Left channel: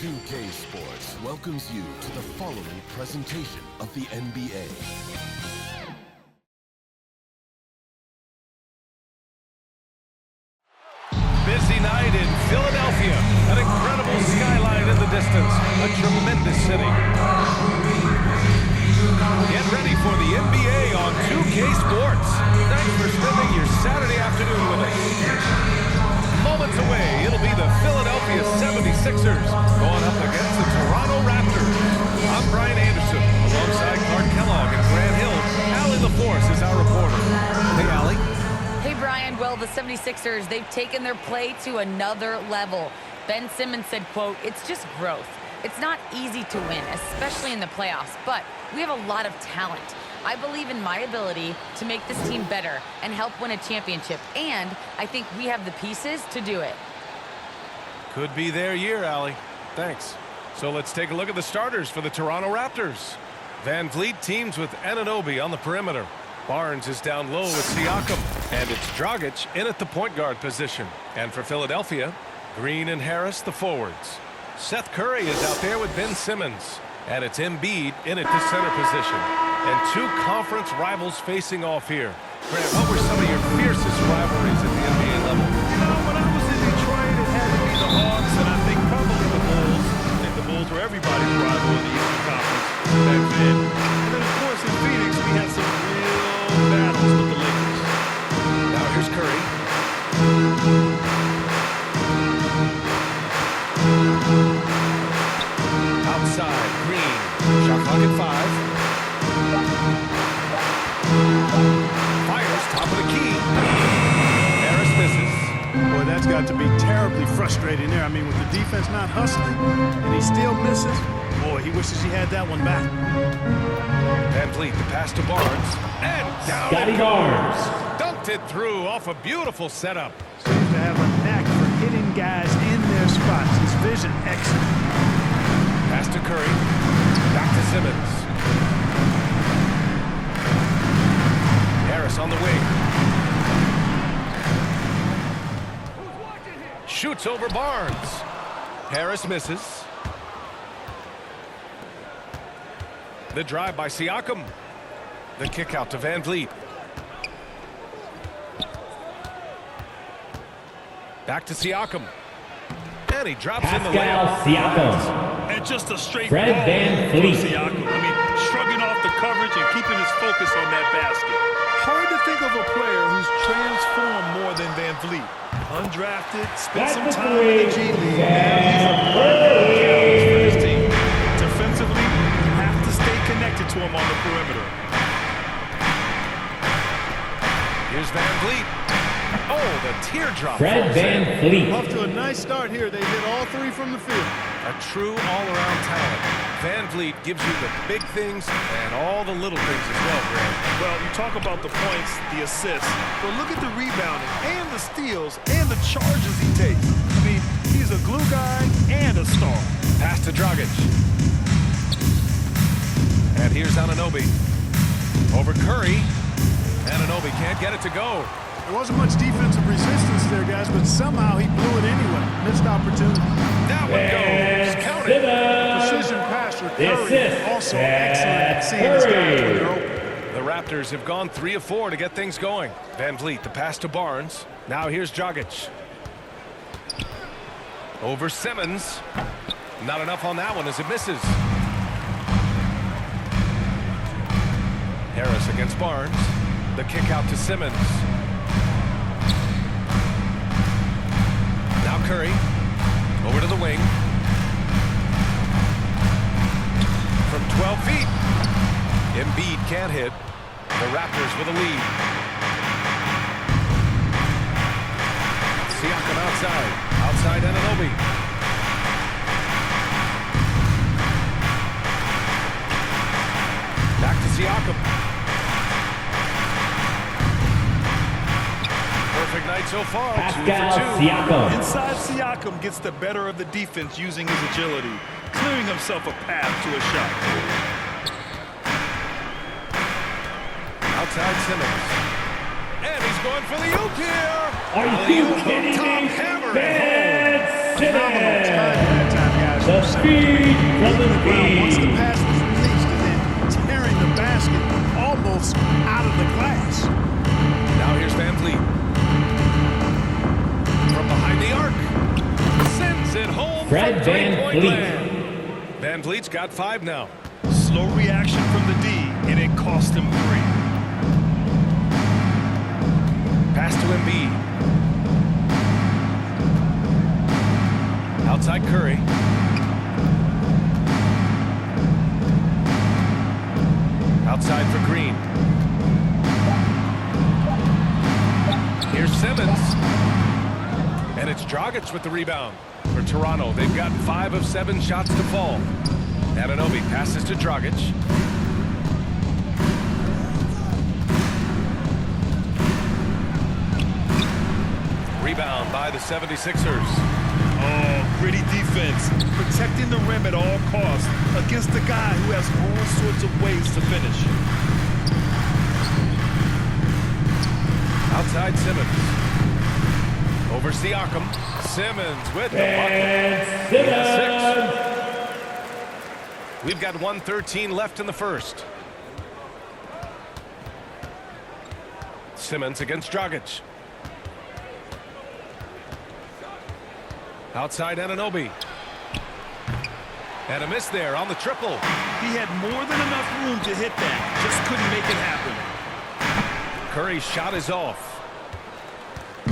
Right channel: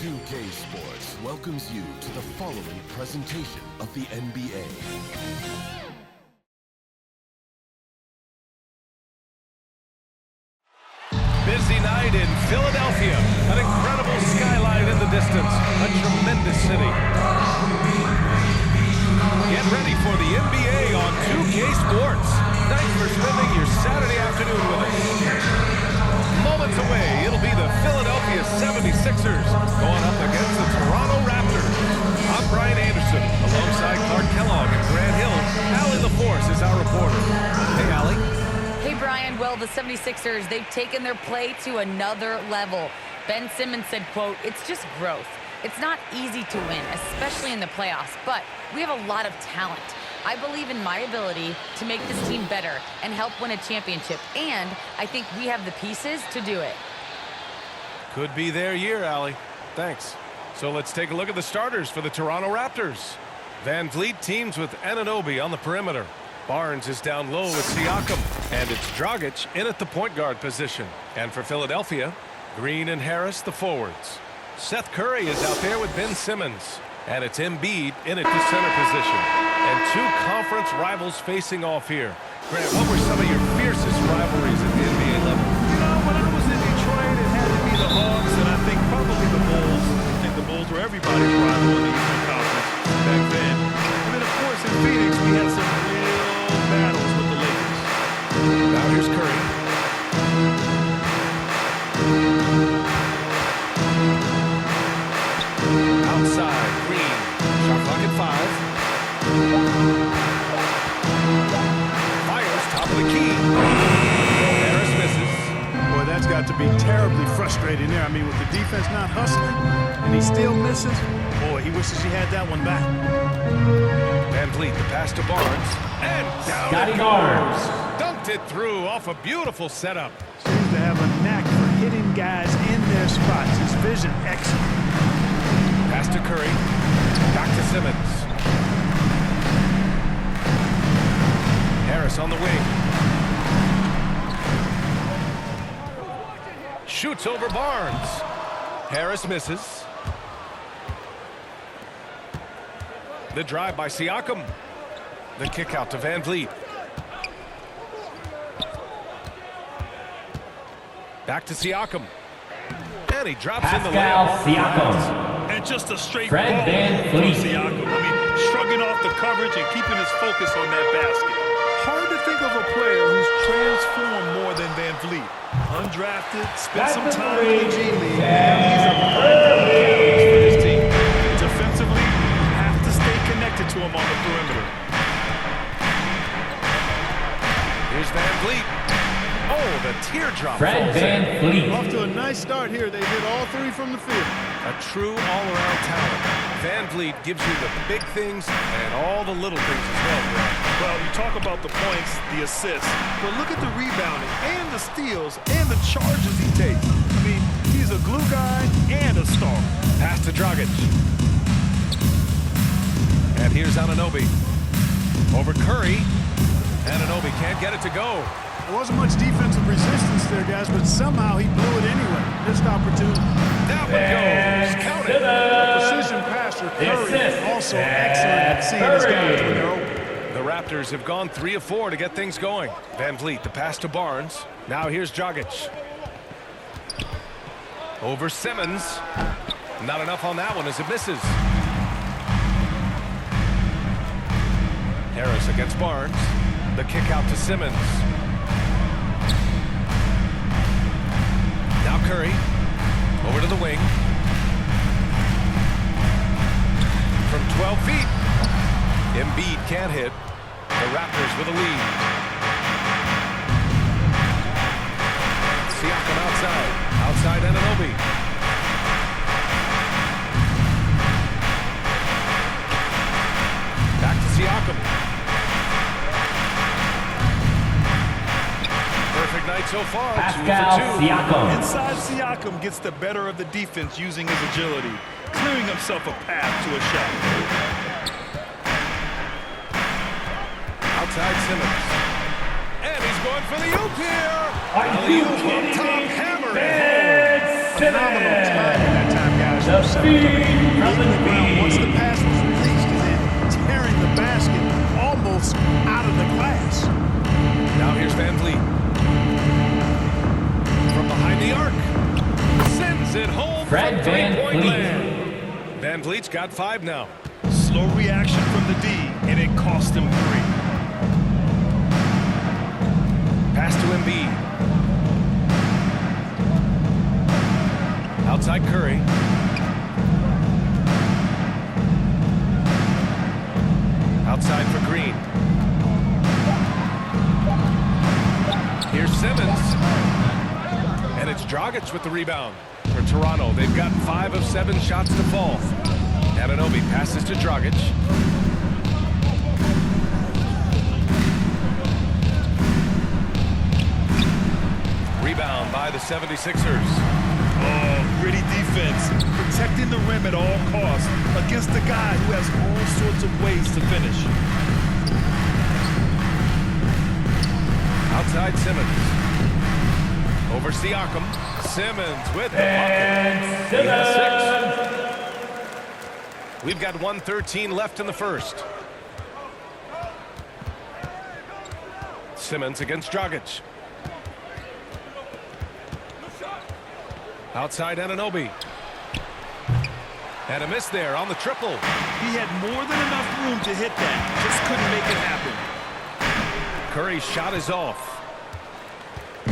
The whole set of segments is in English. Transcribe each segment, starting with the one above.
2K Sports welcomes you to the following presentation of the NBA. Busy night in Philadelphia. An incredible skyline in the distance. A tremendous city. Get ready for the NBA on 2K Sports. Thanks for spending your Saturday afternoon with us. Moments away, it'll be the Philadelphia 76ers going up against the Toronto Raptors. I'm Brian Anderson, alongside Clark Kellogg and Grant Hill. Allie LaForce is our reporter. Hey, Allie. Hey, Brian. Well, the 76ers, they've taken their play to another level. Ben Simmons said, quote, "It's just growth. It's not easy to win, especially in the playoffs, but we have a lot of talent. I believe in my ability to make this team better and help win a championship, and I think we have the pieces to do it." Could be their year, Allie. Thanks. So let's take a look at the starters for the Toronto Raptors. Van Vliet teams with Anunoby on the perimeter. Barnes is down low with Siakam, and it's Dragic in at the point guard position. And for Philadelphia, Green and Harris the forwards. Seth Curry is out there with Ben Simmons, and it's Embiid in at the center position. And two conference rivals facing off here. Grant, what were some of your fiercest rivalries at the NBA level? You know, when I was in Detroit, it had to be the Hawks, and I think probably the Bulls. I think the Bulls were everybody's rival in the Eastern Conference back then. And then, of course, in Phoenix, we had some real battles with the Lakers. Now here's Curry. Outside, Green. Shot clock at 5. Fires top of the key. Harris misses. Boy, that's got to be terribly frustrating there. I mean, with the defense not hustling, and he still misses. Boy, he wishes he had that one back. Van Vliet, the pass to Barnes. And down it goes. Dunked it through off a beautiful setup. Seems to have a knack for hitting guys in their spots. His vision excellent. Pass to Curry. Back to Simmons. Harris on the wing. Shoots over Barnes. Harris misses. The drive by Siakam. The kick out to Van Vliet. Back to Siakam. And he drops in the layup. Siakam. And just a straight Fred ball Van for Vliet. Siakam. I mean, shrugging off the coverage and keeping his focus on that basket. Hard to think of a player who's transformed more than Van Vliet. Undrafted, spent some time in the G League. Now he's a primary catalyst for his team. Defensively, you have to stay connected to him on the perimeter. Here's Van Vliet. Oh, the teardrop. Fred Van Vliet. Off to a nice start here. They hit all three from the field. A true all-around talent. Van Vliet gives you the big things and all the little things as well, Grant. Well, you talk about the points, the assists, but look at the rebounding and the steals and the charges he takes. I mean, he's a glue guy and a star. Pass to Dragic. And here's Anunoby. Over Curry. Anunoby can't get it to go. There wasn't much defensive resistance there, guys, but somehow he blew it anyway. Missed opportunity. That one goes. Count it. Precision passer, Curry, also excellent at seeing his guys when they're open. The Raptors have gone 3 of 4 to get things going. Van Vliet, the pass to Barnes. Now here's Dragic. Over Simmons. Not enough on that one as it misses. Harris against Barnes. The kick out to Simmons. Now Curry. Over to the wing. From 12 feet. Embiid can't hit. The Raptors with a lead. Siakam outside. Outside Anunoby. Back to Siakam. Perfect night so far. Pascal 2 for 2. Siakam. Inside Siakam gets the better of the defense using his agility, clearing himself a path to a shot. Outside Simmons. And he's going for the oop here. Are you Alley-oop kidding up top, me? hammer Ben it Phenomenal Simmons. timing that time, guys. The from Simmons. I mean, feed from leaving the the ground once the feed. pass was released and then tearing the basket almost out of the glass. home. Now here's Van Vliet. From behind the arc. Sends it home Fred from Van three-point Vliet. land. Van Vliet's got 5 now. Slow reaction from the D, and it cost him 3. Pass to Embiid. Outside Curry. Outside for Green. Here's Simmons. And it's Dragic with the rebound. For Toronto, they've gotten 5 of 7 shots to fall. Anunoby passes to Dragic. Rebound by the 76ers. Oh, gritty defense, protecting the rim at all costs against a guy who has all sorts of ways to finish. Outside Simmons. Over Siakam. Simmons with the bucket. Ben He has 6. Simmons. We've got 1:13 left in the first. Simmons against Dragic. Outside Anunoby. And a miss there on the triple. He had more than enough room to hit that, just couldn't make it happen. Curry's shot is off.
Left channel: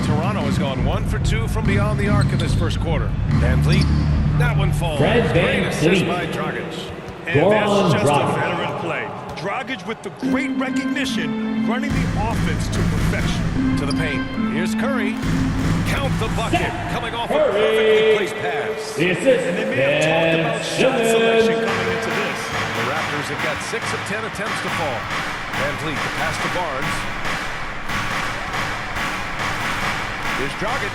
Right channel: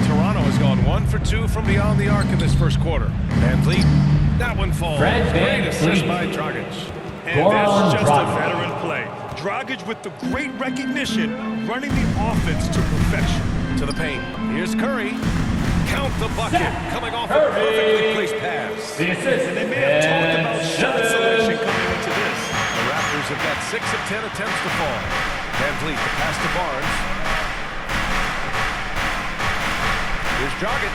Toronto has gone 1 for 2 from beyond the arc in this first quarter. Van Vliet, that one falls. Fred Van Great assist Vliet. by Dragic. And Goran that's just Dragic. a veteran play. Dragic with the great recognition, running the offense to perfection. To the paint. Here's Curry. Count the bucket. Set. Coming off Curry. a perfectly placed pass. The assist. And they may have talked Ben about shot Simmons. selection coming into this. The Raptors have got 6 of 10 attempts to fall. Van Vliet, the pass to Barnes. Here's Dragic.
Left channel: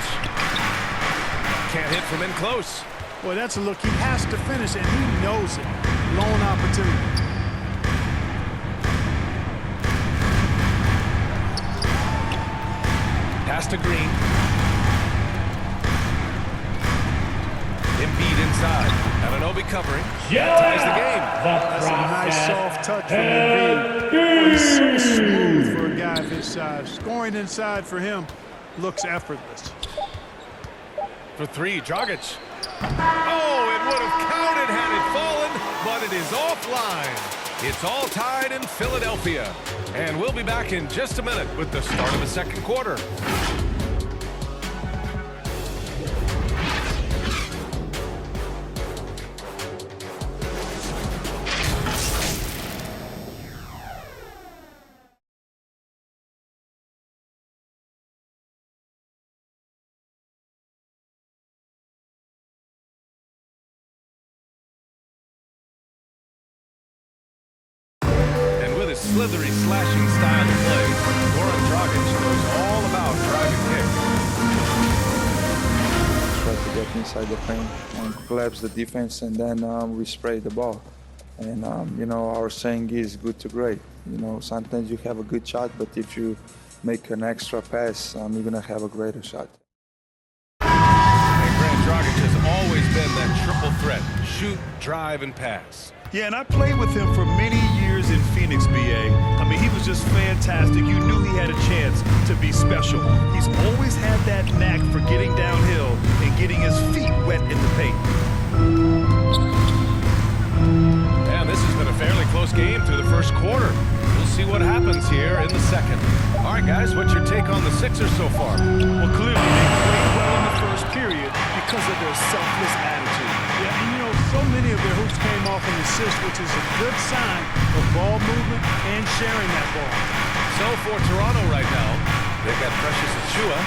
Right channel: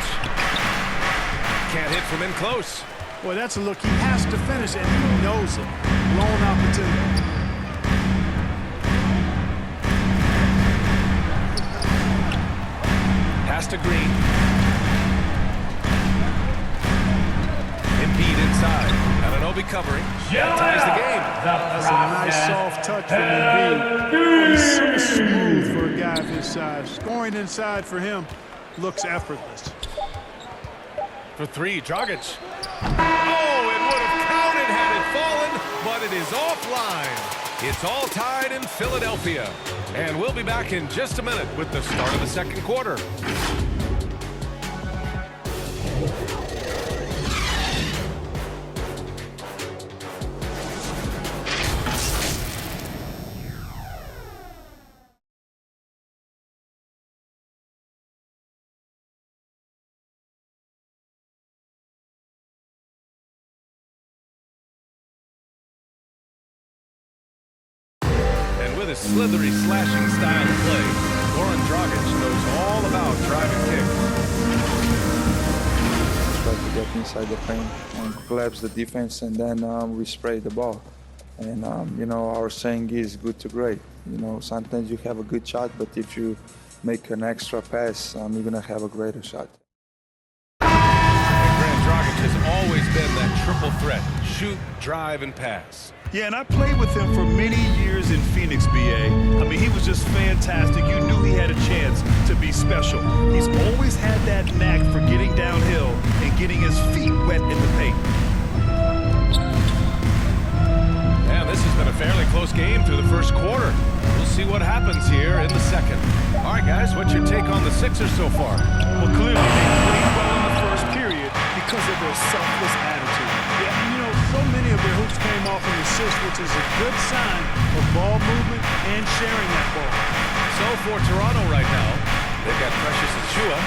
Can't hit from in close. Boy, that's a look he has to finish, and he knows it. Blown opportunity. Pass to Green. Embiid inside. Anunoby covering. That ties the game. That's a nice soft touch from Embiid. Boy, he's so smooth for a guy of his size. Scoring inside for him looks effortless. For 3, Dragic. Oh, it would have counted had it fallen, but it is offline. It's all tied in Philadelphia. And we'll be back in just a minute with the start of the second quarter. With his slithery, slashing style of play, Goran Dragic knows all about drive and kick. Try to get inside the paint and collapse the defense, and then we spray the ball. And you know, our saying is good to great. You know, sometimes you have a good shot, but if you make an extra pass, you're gonna have a greater shot. And Grant Dragic has always been that triple threat: shoot, drive, and pass. Yeah, and I played with him for many years in Phoenix, BA. I mean, he was just fantastic. You knew he had a chance to be special. He's always had that knack for getting downhill and getting his feet wet in the paint. And this has been a fairly close game through the first quarter. We'll see what happens here in the second. All right, guys, what's your take on the Sixers so far? Well, clearly they played well in the first period because of their selfless attitude. Yeah, and you know, so many of their hoops came off an assist, which is a good sign of ball movement and sharing that ball. So for Toronto right now, they've got Precious Achiuwa,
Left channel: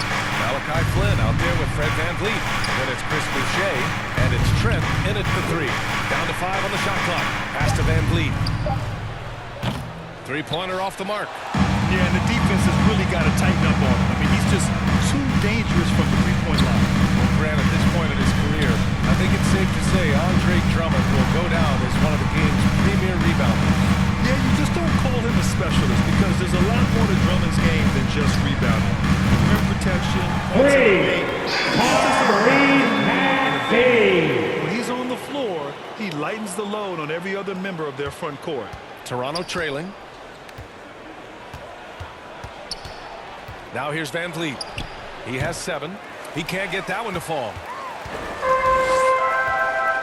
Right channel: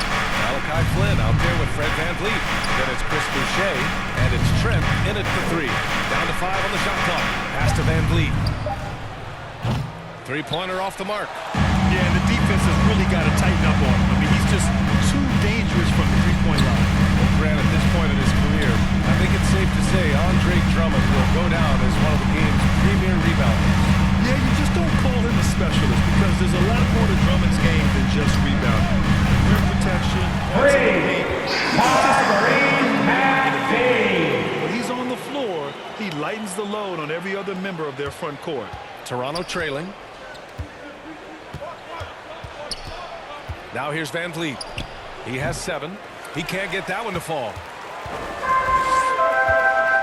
Malachi Flynn out there with Fred Van Vliet. Then it's Chris Boucher, and it's Trent in it for 3. Down to 5 on the shot clock. Pass to Van Vliet. Three-pointer off the mark. Yeah, and the defense has really got to tighten up on him. I mean, he's just too dangerous from the three-point line. Well, Grant, at this point in his career, I think it's safe to say Andre Drummond will go down as one of the game's premier rebounders. Yeah, you just don't call him a specialist because there's a lot more to Drummond's game than just rebounding. Rim protection, points in the paint. He's just about in a big. When he's on the floor, he lightens the load on every other member of their front court. Toronto trailing. Now here's Van Vliet. He has 7. He can't get that one to fall.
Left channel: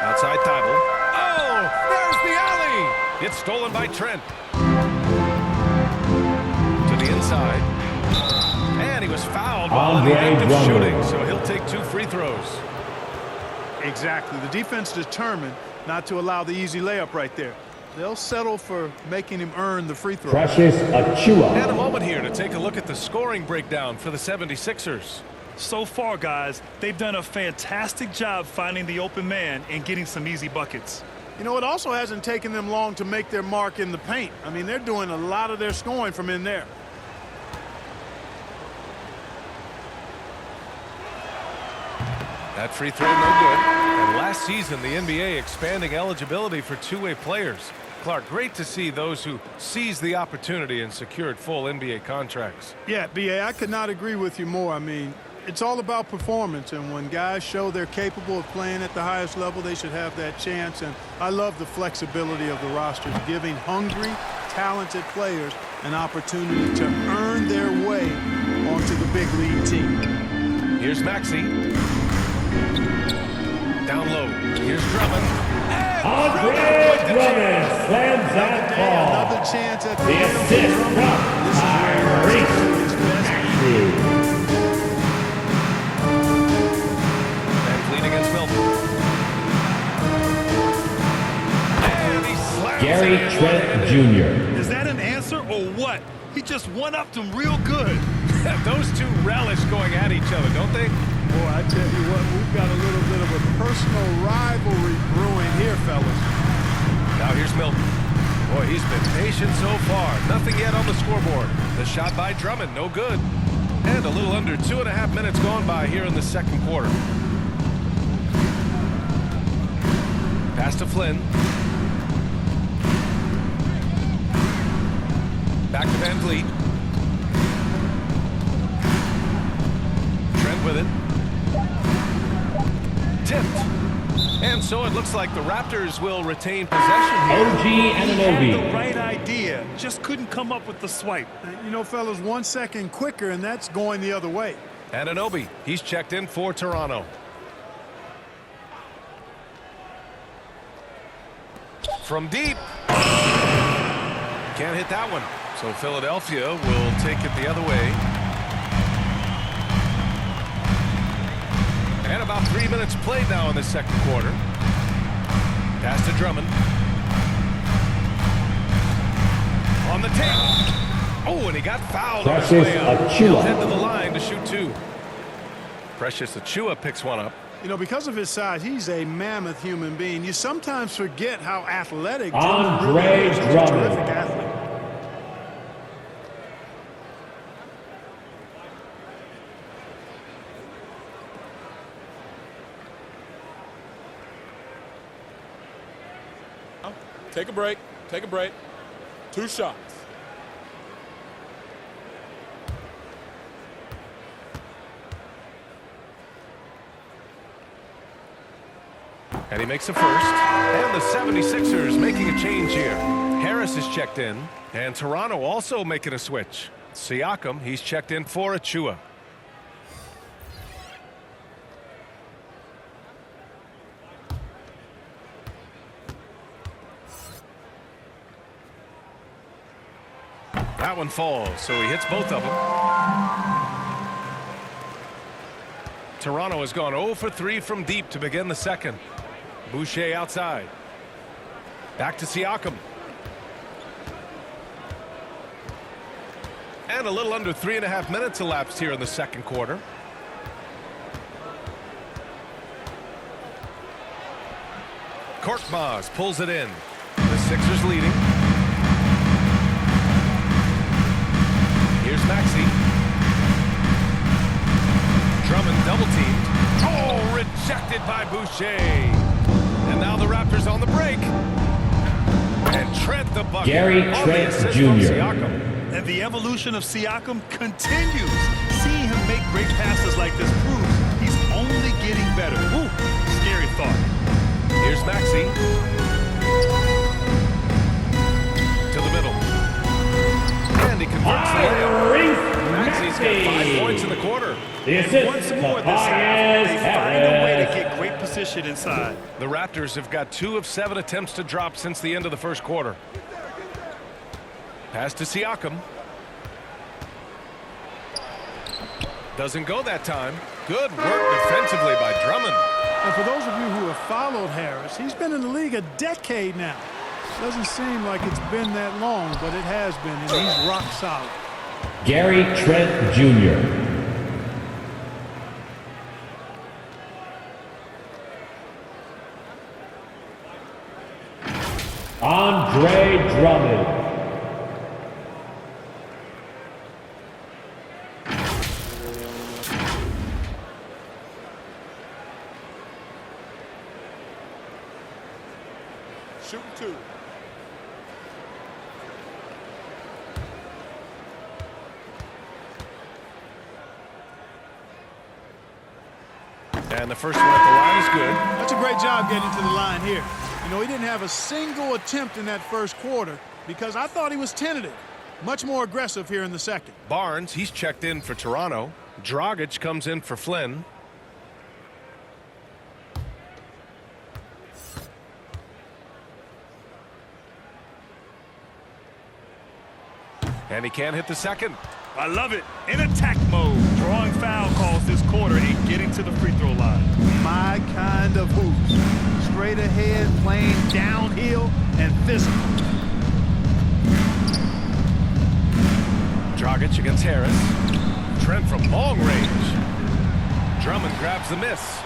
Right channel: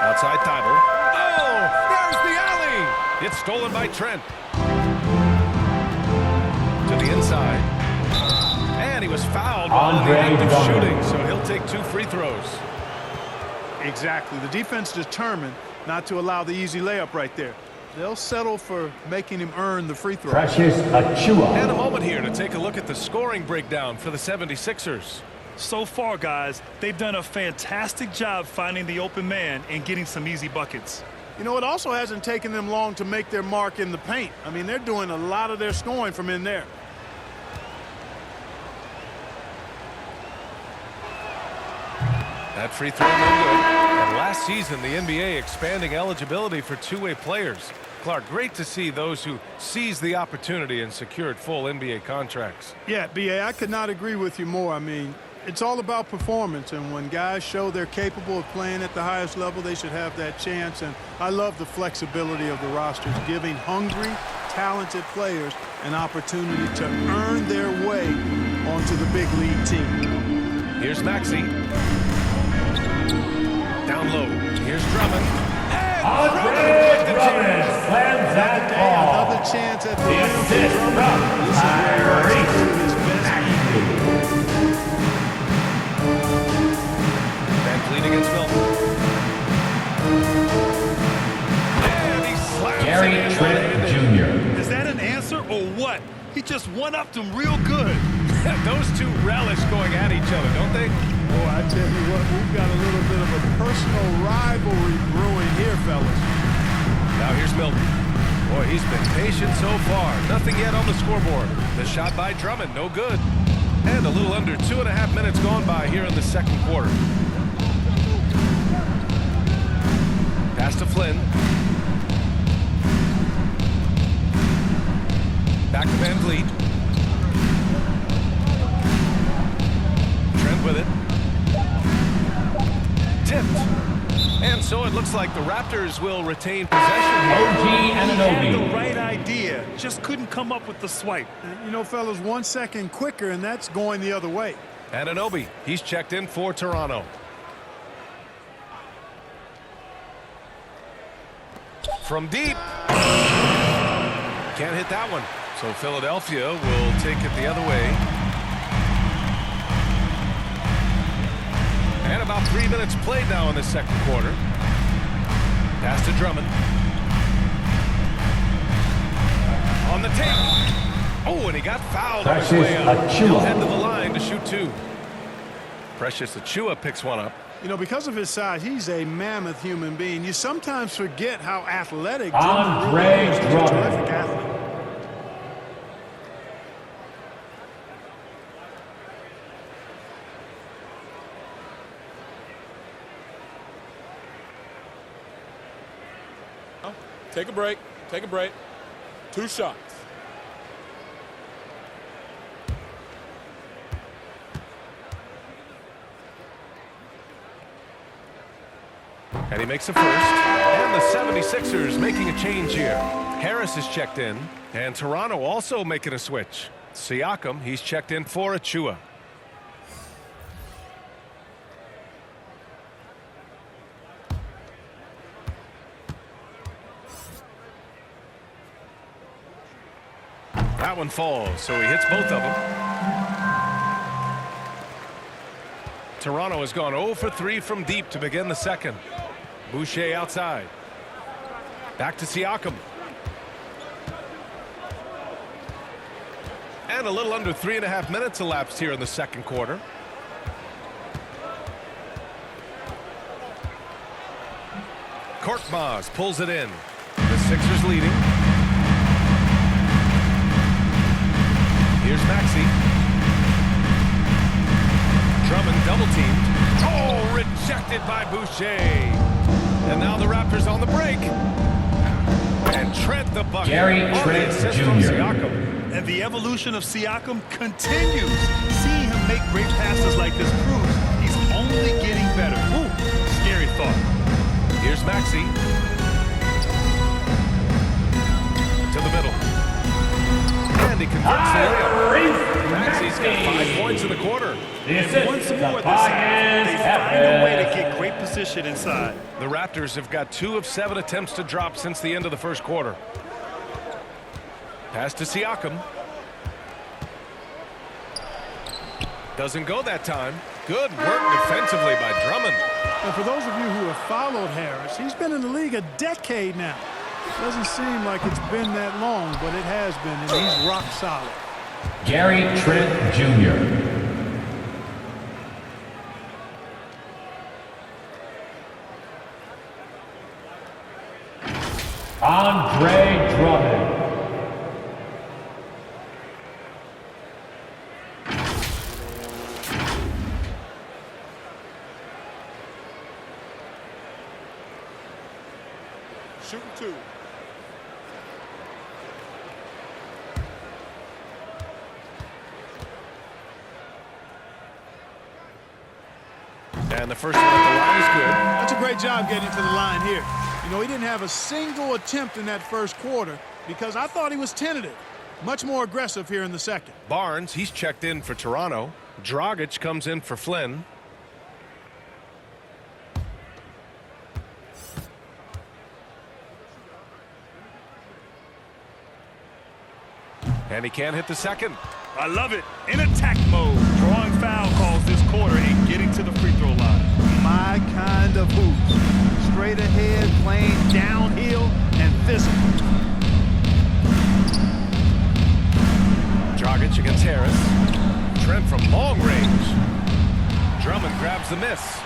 Outside Thibault. Oh, there's the alley. It's stolen by Trent. To the inside. And he was fouled while in the act of shooting, so he'll take 2 free throws. Exactly. The defense determined not to allow the easy layup right there. They'll settle for making him earn the free throw. Precious Achiuwa. And a moment here to take a look at the scoring breakdown for the 76ers. So far, guys, they've done a fantastic job finding the open man and getting some easy buckets. You know, it also hasn't taken them long to make their mark in the paint. I mean, they're doing a lot of their scoring from in there. That free throw no good. And last season, the NBA expanding eligibility for two-way players. Clark, great to see those who seized the opportunity and secured full NBA contracts. Yeah, B.A., I could not agree with you more. I mean, it's all about performance, and when guys show they're capable of playing at the highest level, they should have that chance. And I love the flexibility of the rosters, giving hungry, talented players an opportunity to earn their way onto the big league team. Here's Maxey. Down low. Here's Drummond. Andre Drummond slams that ball. Another chance at the The rim for assist Drummond. from This is where he likes to do his best. Van Vliet against Milton. And he slams Gary it in Trent one-handed. Jr. Is that an answer or what? He just one-upped him real good. Those two relish going at each other, don't they? Boy, I tell you what, we've got a little bit of a personal rivalry brewing here, fellas. Now here's Milton. Boy, he's been patient so far. Nothing yet on the scoreboard. The shot by Drummond, no good. And a little under 2.5 minutes gone by here in the second quarter. Pass to Flynn. Back to Van Vliet. Trent with it. Tipped. And so it looks like the Raptors will retain possession here. OG He had Anunoby. the right idea, just couldn't come up with the swipe. You know, fellas, 1 second quicker, and that's going the other way. Anunoby, he's checked in for Toronto. From deep. Can't hit that one. So Philadelphia will take it the other way. And about 3 minutes played now in the second quarter. Pass to Drummond. On the take. Oh, and he got fouled on his way out. Precious He'll Achiuwa. head to the line to shoot 2. Precious Achiuwa picks one up. You know, because of his size, he's a mammoth human being. You sometimes forget how athletic Drummond Andre really is. He's a Drummond. terrific athlete. Take a break. Take a break. 2 shots. And he makes the first. And the 76ers making a change here. Harris is checked in. And Toronto also making a switch. Siakam, he's checked in for Achiuwa. That one falls, so he hits both of them. Toronto has gone 0 for 3 from deep to begin the second. Boucher outside. Back to Siakam. And a little under 3.5 minutes elapsed here in the second quarter. Korkmaz pulls it in. The Sixers leading. Maxey. Drummond double-teamed. Oh, rejected by Boucher. And now the Raptors on the break. And Trent the bucket. Gary on Trent the assist Jr. from Siakam. And the evolution of Siakam continues. Seeing him make great passes like this proves he's only getting better. Ooh, scary thought. Here's Maxey. To the middle. And he converts the layup. Maxey's got 5 points in the quarter. And once more this half, they find a way to get great position inside. The Raptors have got 2 of 7 attempts to drop since the end of the first quarter. Pass to Siakam. Doesn't go that time. Good work defensively by Drummond. And for those of you who have followed Harris, he's been in the league a decade now. Doesn't seem like it's been that long, but it has been, and he's rock solid. Gary Trent Jr. Andre Drummond. Shooting 2. And the first one at the line is good. That's a great job getting to the line here. You know, he didn't have a single attempt in that first quarter because I thought he was tentative. Much more aggressive here in the second. Barnes, he's checked in for Toronto. Dragic comes in for Flynn. And he can't hit the second. I love it. In attack mode, drawing foul calls this quarter and getting to the free throw line. My kind of hoops. Straight ahead, playing downhill, and physical. Dragic against Harris. Trent from long range. Drummond grabs the miss.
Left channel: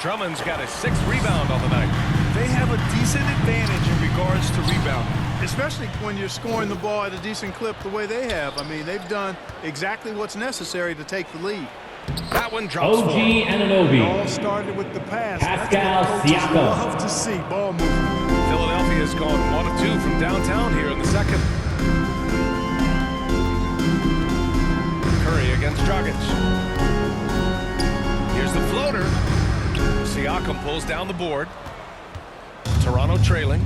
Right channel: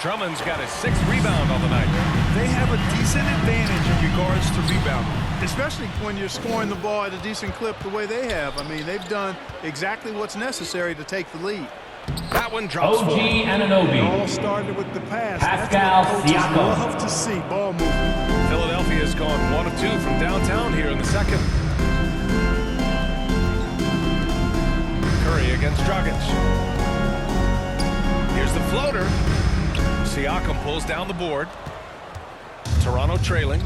Drummond's got his 6th rebound on the night. They have a decent advantage in regards to rebounding. Especially when you're scoring the ball at a decent clip the way they have. I mean, they've done exactly what's necessary to take the lead. That one drops OG for him. Anunoby. It all started with the pass. Pascal That's what coaches Siakam. love to see, ball movement. Philadelphia's gone 1 of 2 from downtown here in the second. Curry against Dragic. Here's the floater. Siakam pulls down the board. Toronto trailing.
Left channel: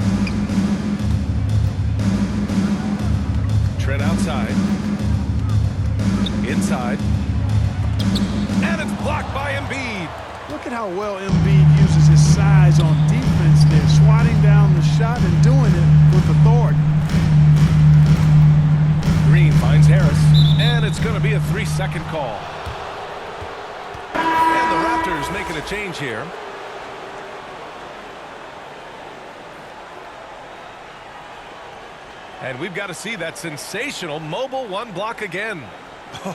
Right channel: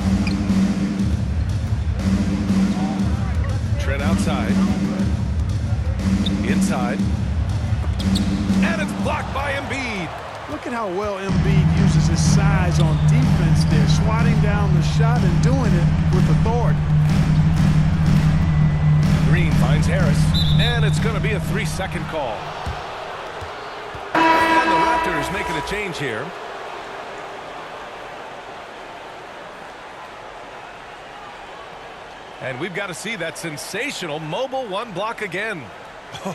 Trent outside. Inside. And it's blocked by Embiid. Look at how well Embiid uses his size on defense there, swatting down the shot and doing it with authority. Green finds Harris, and it's going to be a 3-second call. And the Raptors making a change here. And we've got to see that sensational mobile 1 block again.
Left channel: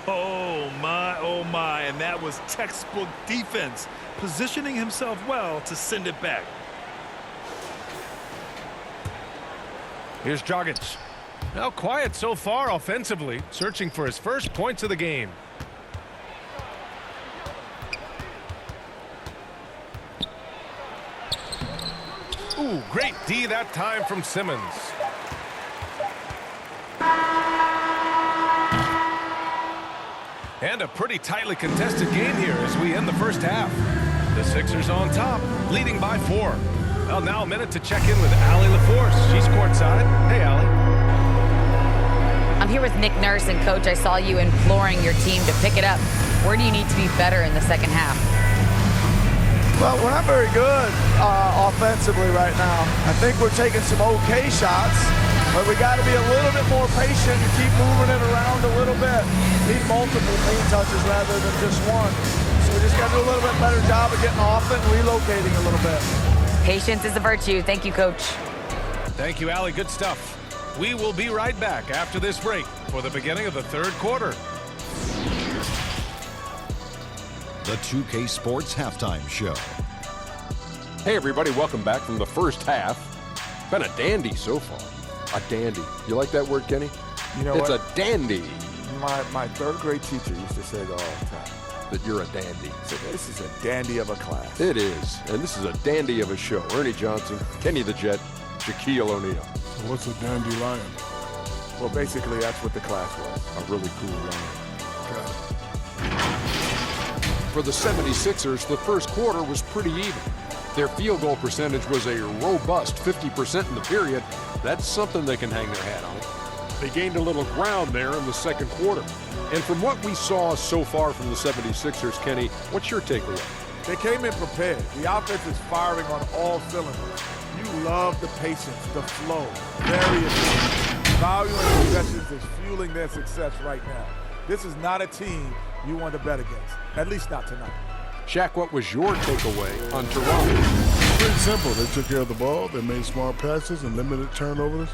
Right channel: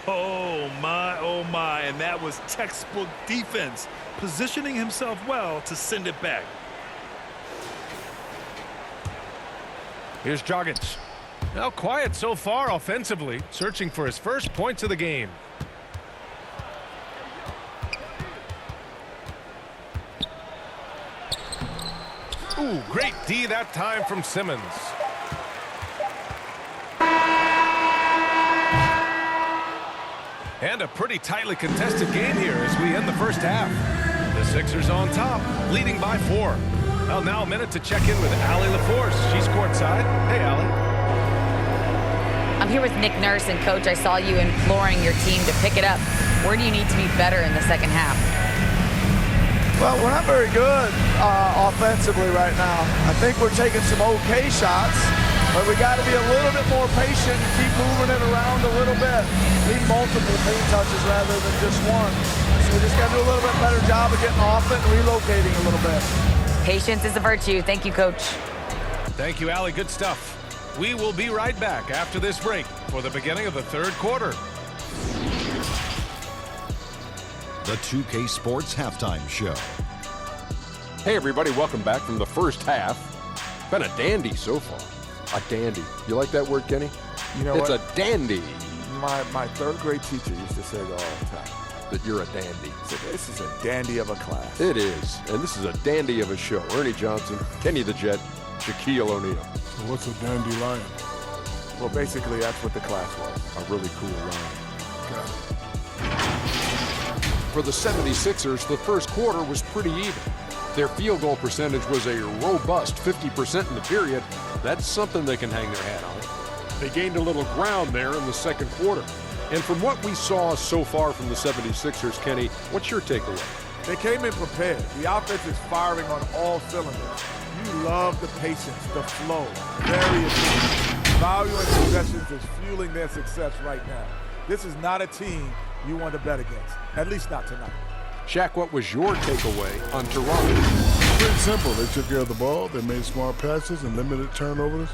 Oh my, and that was textbook defense, positioning himself well to send it back. Here's Dragic. Now quiet so far offensively, searching for his first points of the game. Ooh, great D that time from Simmons. And a pretty tightly contested game here as we end the first half. The Sixers on top, leading by 4. Well, now a minute to check in with Allie LaForce. She's courtside. Hey, Allie. I'm here with Nick Nurse, and Coach, I saw you imploring your team to pick it up. Where do you need to be better in the second half? Well, we're not very good offensively right now. I think we're taking some okay shots, but we got to be a little bit more patient and keep moving it around a little bit. Need multiple paint touches rather than just one. So we just got to do a little bit better job of getting off it and relocating a little bit. Patience is a virtue. Thank you, Coach. Thank you, Allie. Good stuff. We will be right back after this break for the beginning of the third quarter. The 2K Sports Halftime Show. Hey, everybody, welcome back from the first half. Been a dandy so far. A dandy. You like that word, Kenny? You know it's what? a dandy. My third grade teacher used to say that all the time. That you're a dandy. So this is a dandy of a class. It is, and this is a dandy of a show. Ernie Johnson, Kenny the Jet, Shaquille O'Neal. So what's a dandelion? Well, basically, that's what the class was. A really cool line. Got it. For the 76ers, the first quarter was pretty even. Their field goal percentage was a robust 50% in the period. That's something they can hang their hat on. They gained a little ground there in the second quarter. And from what we saw so far from the 76ers, Kenny, what's your takeaway? They came in prepared. The offense is firing on all cylinders. You love the patience, the flow. Very efficient. Value in possessions is fueling their success right now. This is not a team you want to bet against, at least not tonight. Shaq, what was your takeaway on Toronto? Pretty simple. They took care of the ball. They made smart passes and limited turnovers.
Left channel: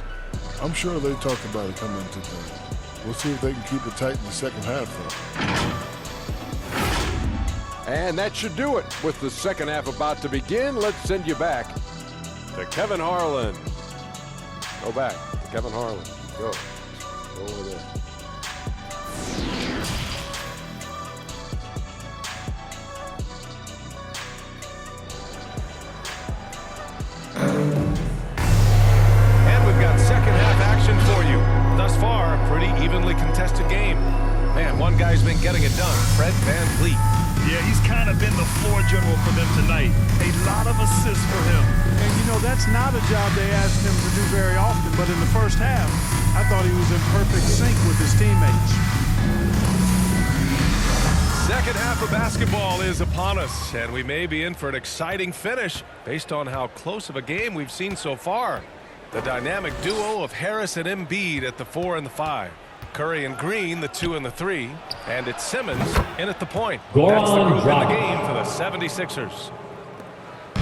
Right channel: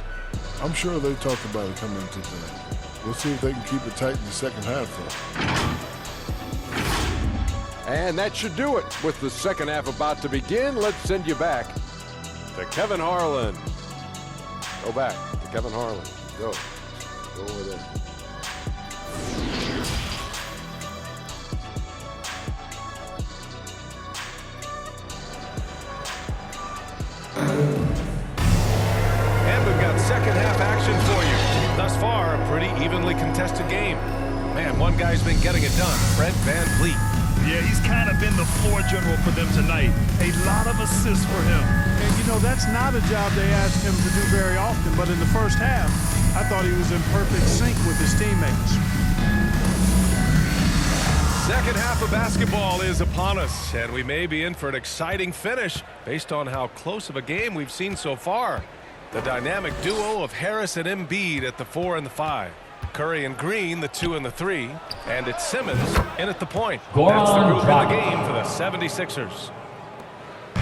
I'm sure they talked about it coming into tonight. We'll see if they can keep it tight in the second half, though. And that should do it. With the second half about to begin, let's send you back to Kevin Harlan. Go back to Kevin Harlan. Go. Go over there. And we've got second half action for you. Thus far, a pretty evenly contested game. Man, one guy's been getting it done, Fred VanVleet. Yeah, he's kind of been the floor general for them tonight. A lot of assists for him. And, you know, that's not a job they asked him to do very often, but in the first half, I thought he was in perfect sync with his teammates. Second half of basketball is upon us, and we may be in for an exciting finish based on how close of a game we've seen so far. The dynamic duo of Harris and Embiid at the 4 and the 5. Curry and Green, the 2 and the 3. And it's Simmons in at the point. That's the group in the game for the 76ers.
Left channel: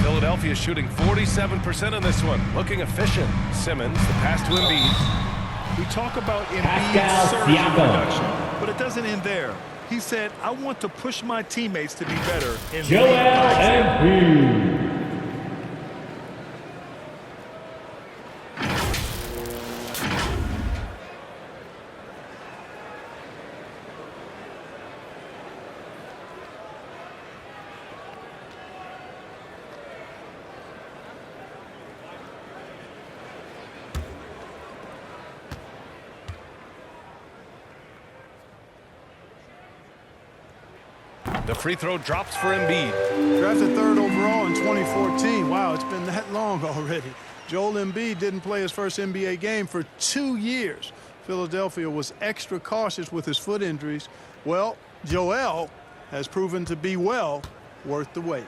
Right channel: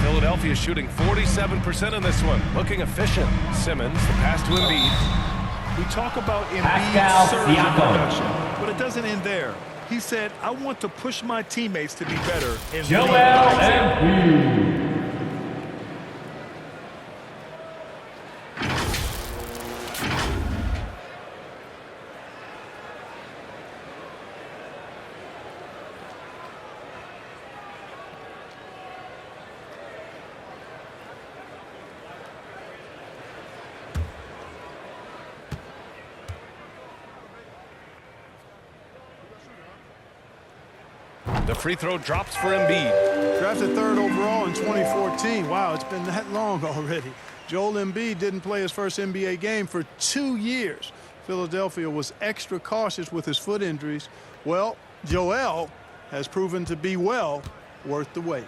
Philadelphia shooting 47% in this one. Looking efficient. Simmons, the pass to Embiid. We talk about Embiid's surge in production, but it doesn't end there. He said, I want to push my teammates to be better. And Joel Embiid. The free throw drops for Embiid. Drafted third overall in 2014. Wow, it's been that long already. Joel Embiid didn't play his first NBA game for 2 years. Philadelphia was extra cautious with his foot injuries. Well, Joel has proven to be well worth the wait.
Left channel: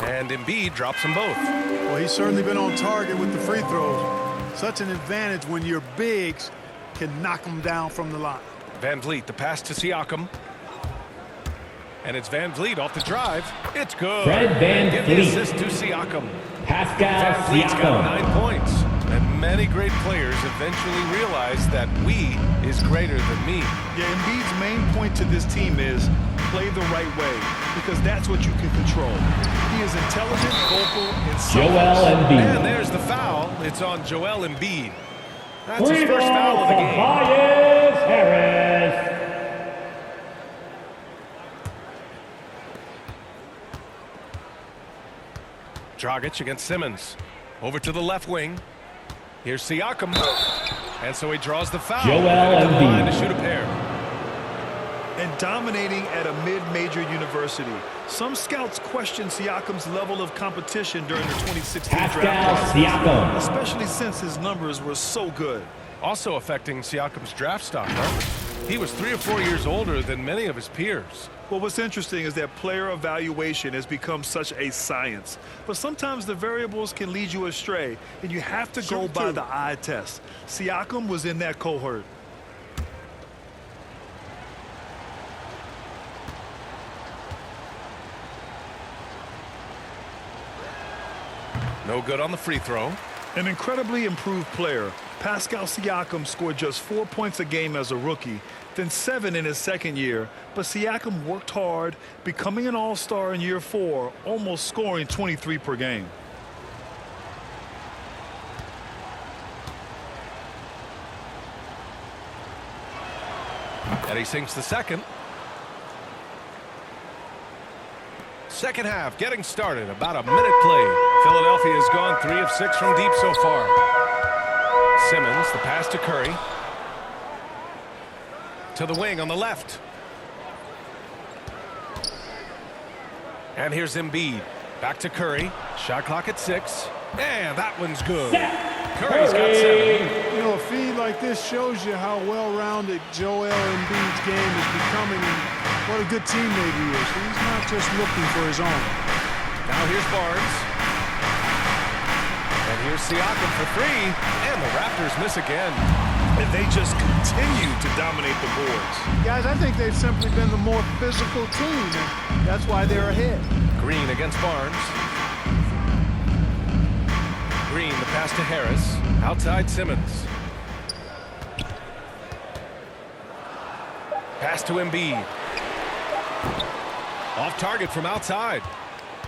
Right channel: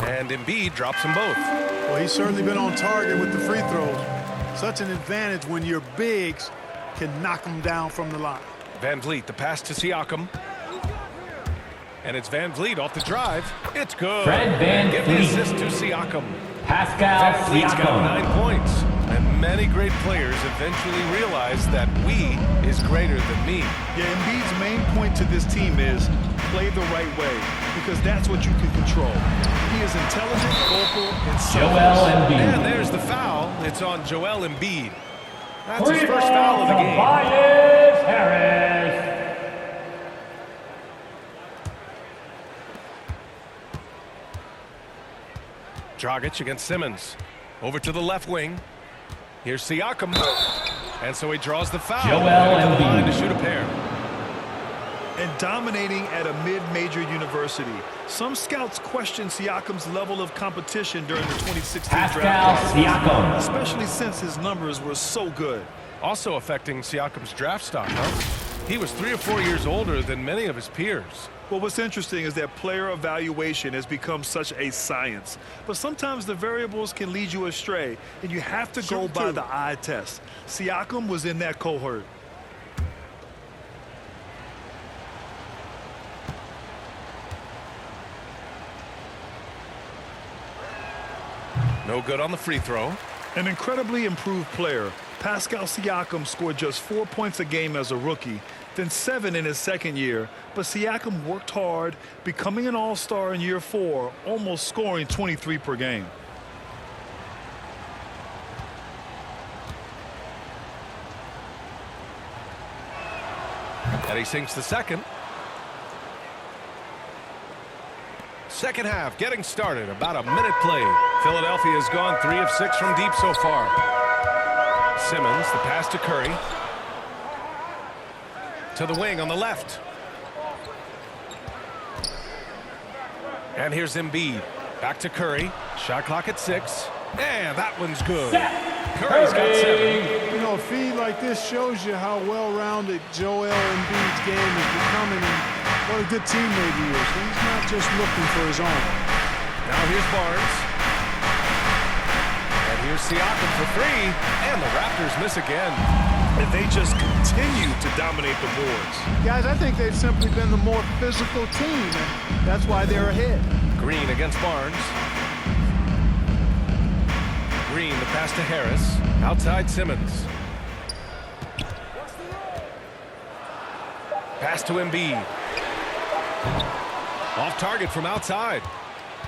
And Embiid drops them both. Well, he's certainly been on target with the free throws. Such an advantage when your bigs can knock them down from the line. VanVleet, the pass to Siakam. And it's VanVleet off the drive. It's good. Fred VanVleet. Give the assist to Siakam. Pascal VanVleet's got Siakam. 9 points. And many great players eventually realize that we is greater than me. Yeah, Embiid's main point to this team is play the right way, because that's what you can control. He is intelligent, vocal, and selfless. Joel Embiid. And there's the foul. It's on Joel Embiid. That's his first foul of the game. Tobias Harris. Dragic against Simmons. Over to the left wing. Here's Siakam. And so he draws the foul. Joel Headed to the line Embiid. to shoot a pair. And dominating at a mid-major university. Some scouts question Siakam's level of competition during the 2016 Pascal draft process, Siakam. especially since his numbers were so good. Also affecting Siakam's draft stock, huh? He was 3 or 4 years older than many of his peers. Well, what's interesting is that player evaluation has become such a science. But sometimes the variables can lead you astray, and you have to go by the eye test. Siakam was in that cohort. No good on the free throw. An incredibly improved player, Pascal Siakam scored just 4 points a game as a rookie, then 7 in his second year. But Siakam worked hard, becoming an all-star in year 4, almost scoring 23 per game. And he sinks the second. Second half getting started. About a minute played. Philadelphia has gone 3 of 6 from deep so far. Simmons, the pass to Curry. To the wing on the left. And here's Embiid. Back to Curry. Shot clock at 6. And that one's good. Curry's got 7. You know, a feed like this shows you how well-rounded Joel Embiid's game is becoming and what a good teammate he is. He's not just looking for his own. Now here's Barnes. And here's Siakam for 3. And the Raptors miss again. And they just continue to dominate the boards. Guys, I think they've simply been the more physical team, and that's why they're ahead. Green against Barnes. Green, the pass to Harris. Outside Simmons. Pass to Embiid. Off target from outside.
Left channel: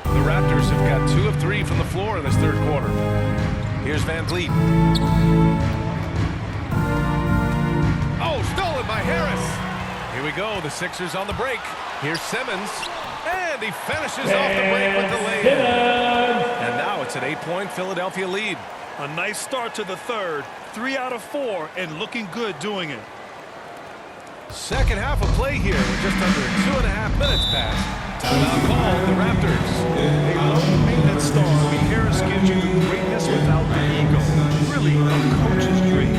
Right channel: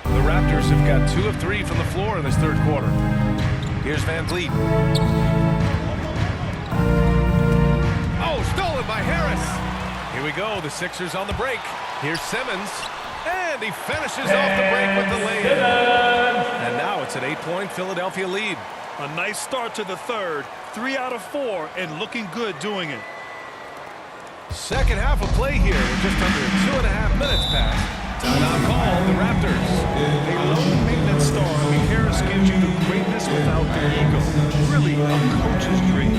The Raptors have got 2 of 3 from the floor in this third quarter. Here's Van Vliet. Oh, stolen by Harris. Here we go. The Sixers on the break. Here's Simmons. And he finishes off the break with the lay-in. And now it's an 8-point Philadelphia lead. A nice start to the third. 3 out of 4 and looking good doing it. Second half of play here. We're just under 2.5 minutes past. Timeout called the Raptors. A low-maintenance star like Harris gives you the greatness without the ego. Really a coach's dream.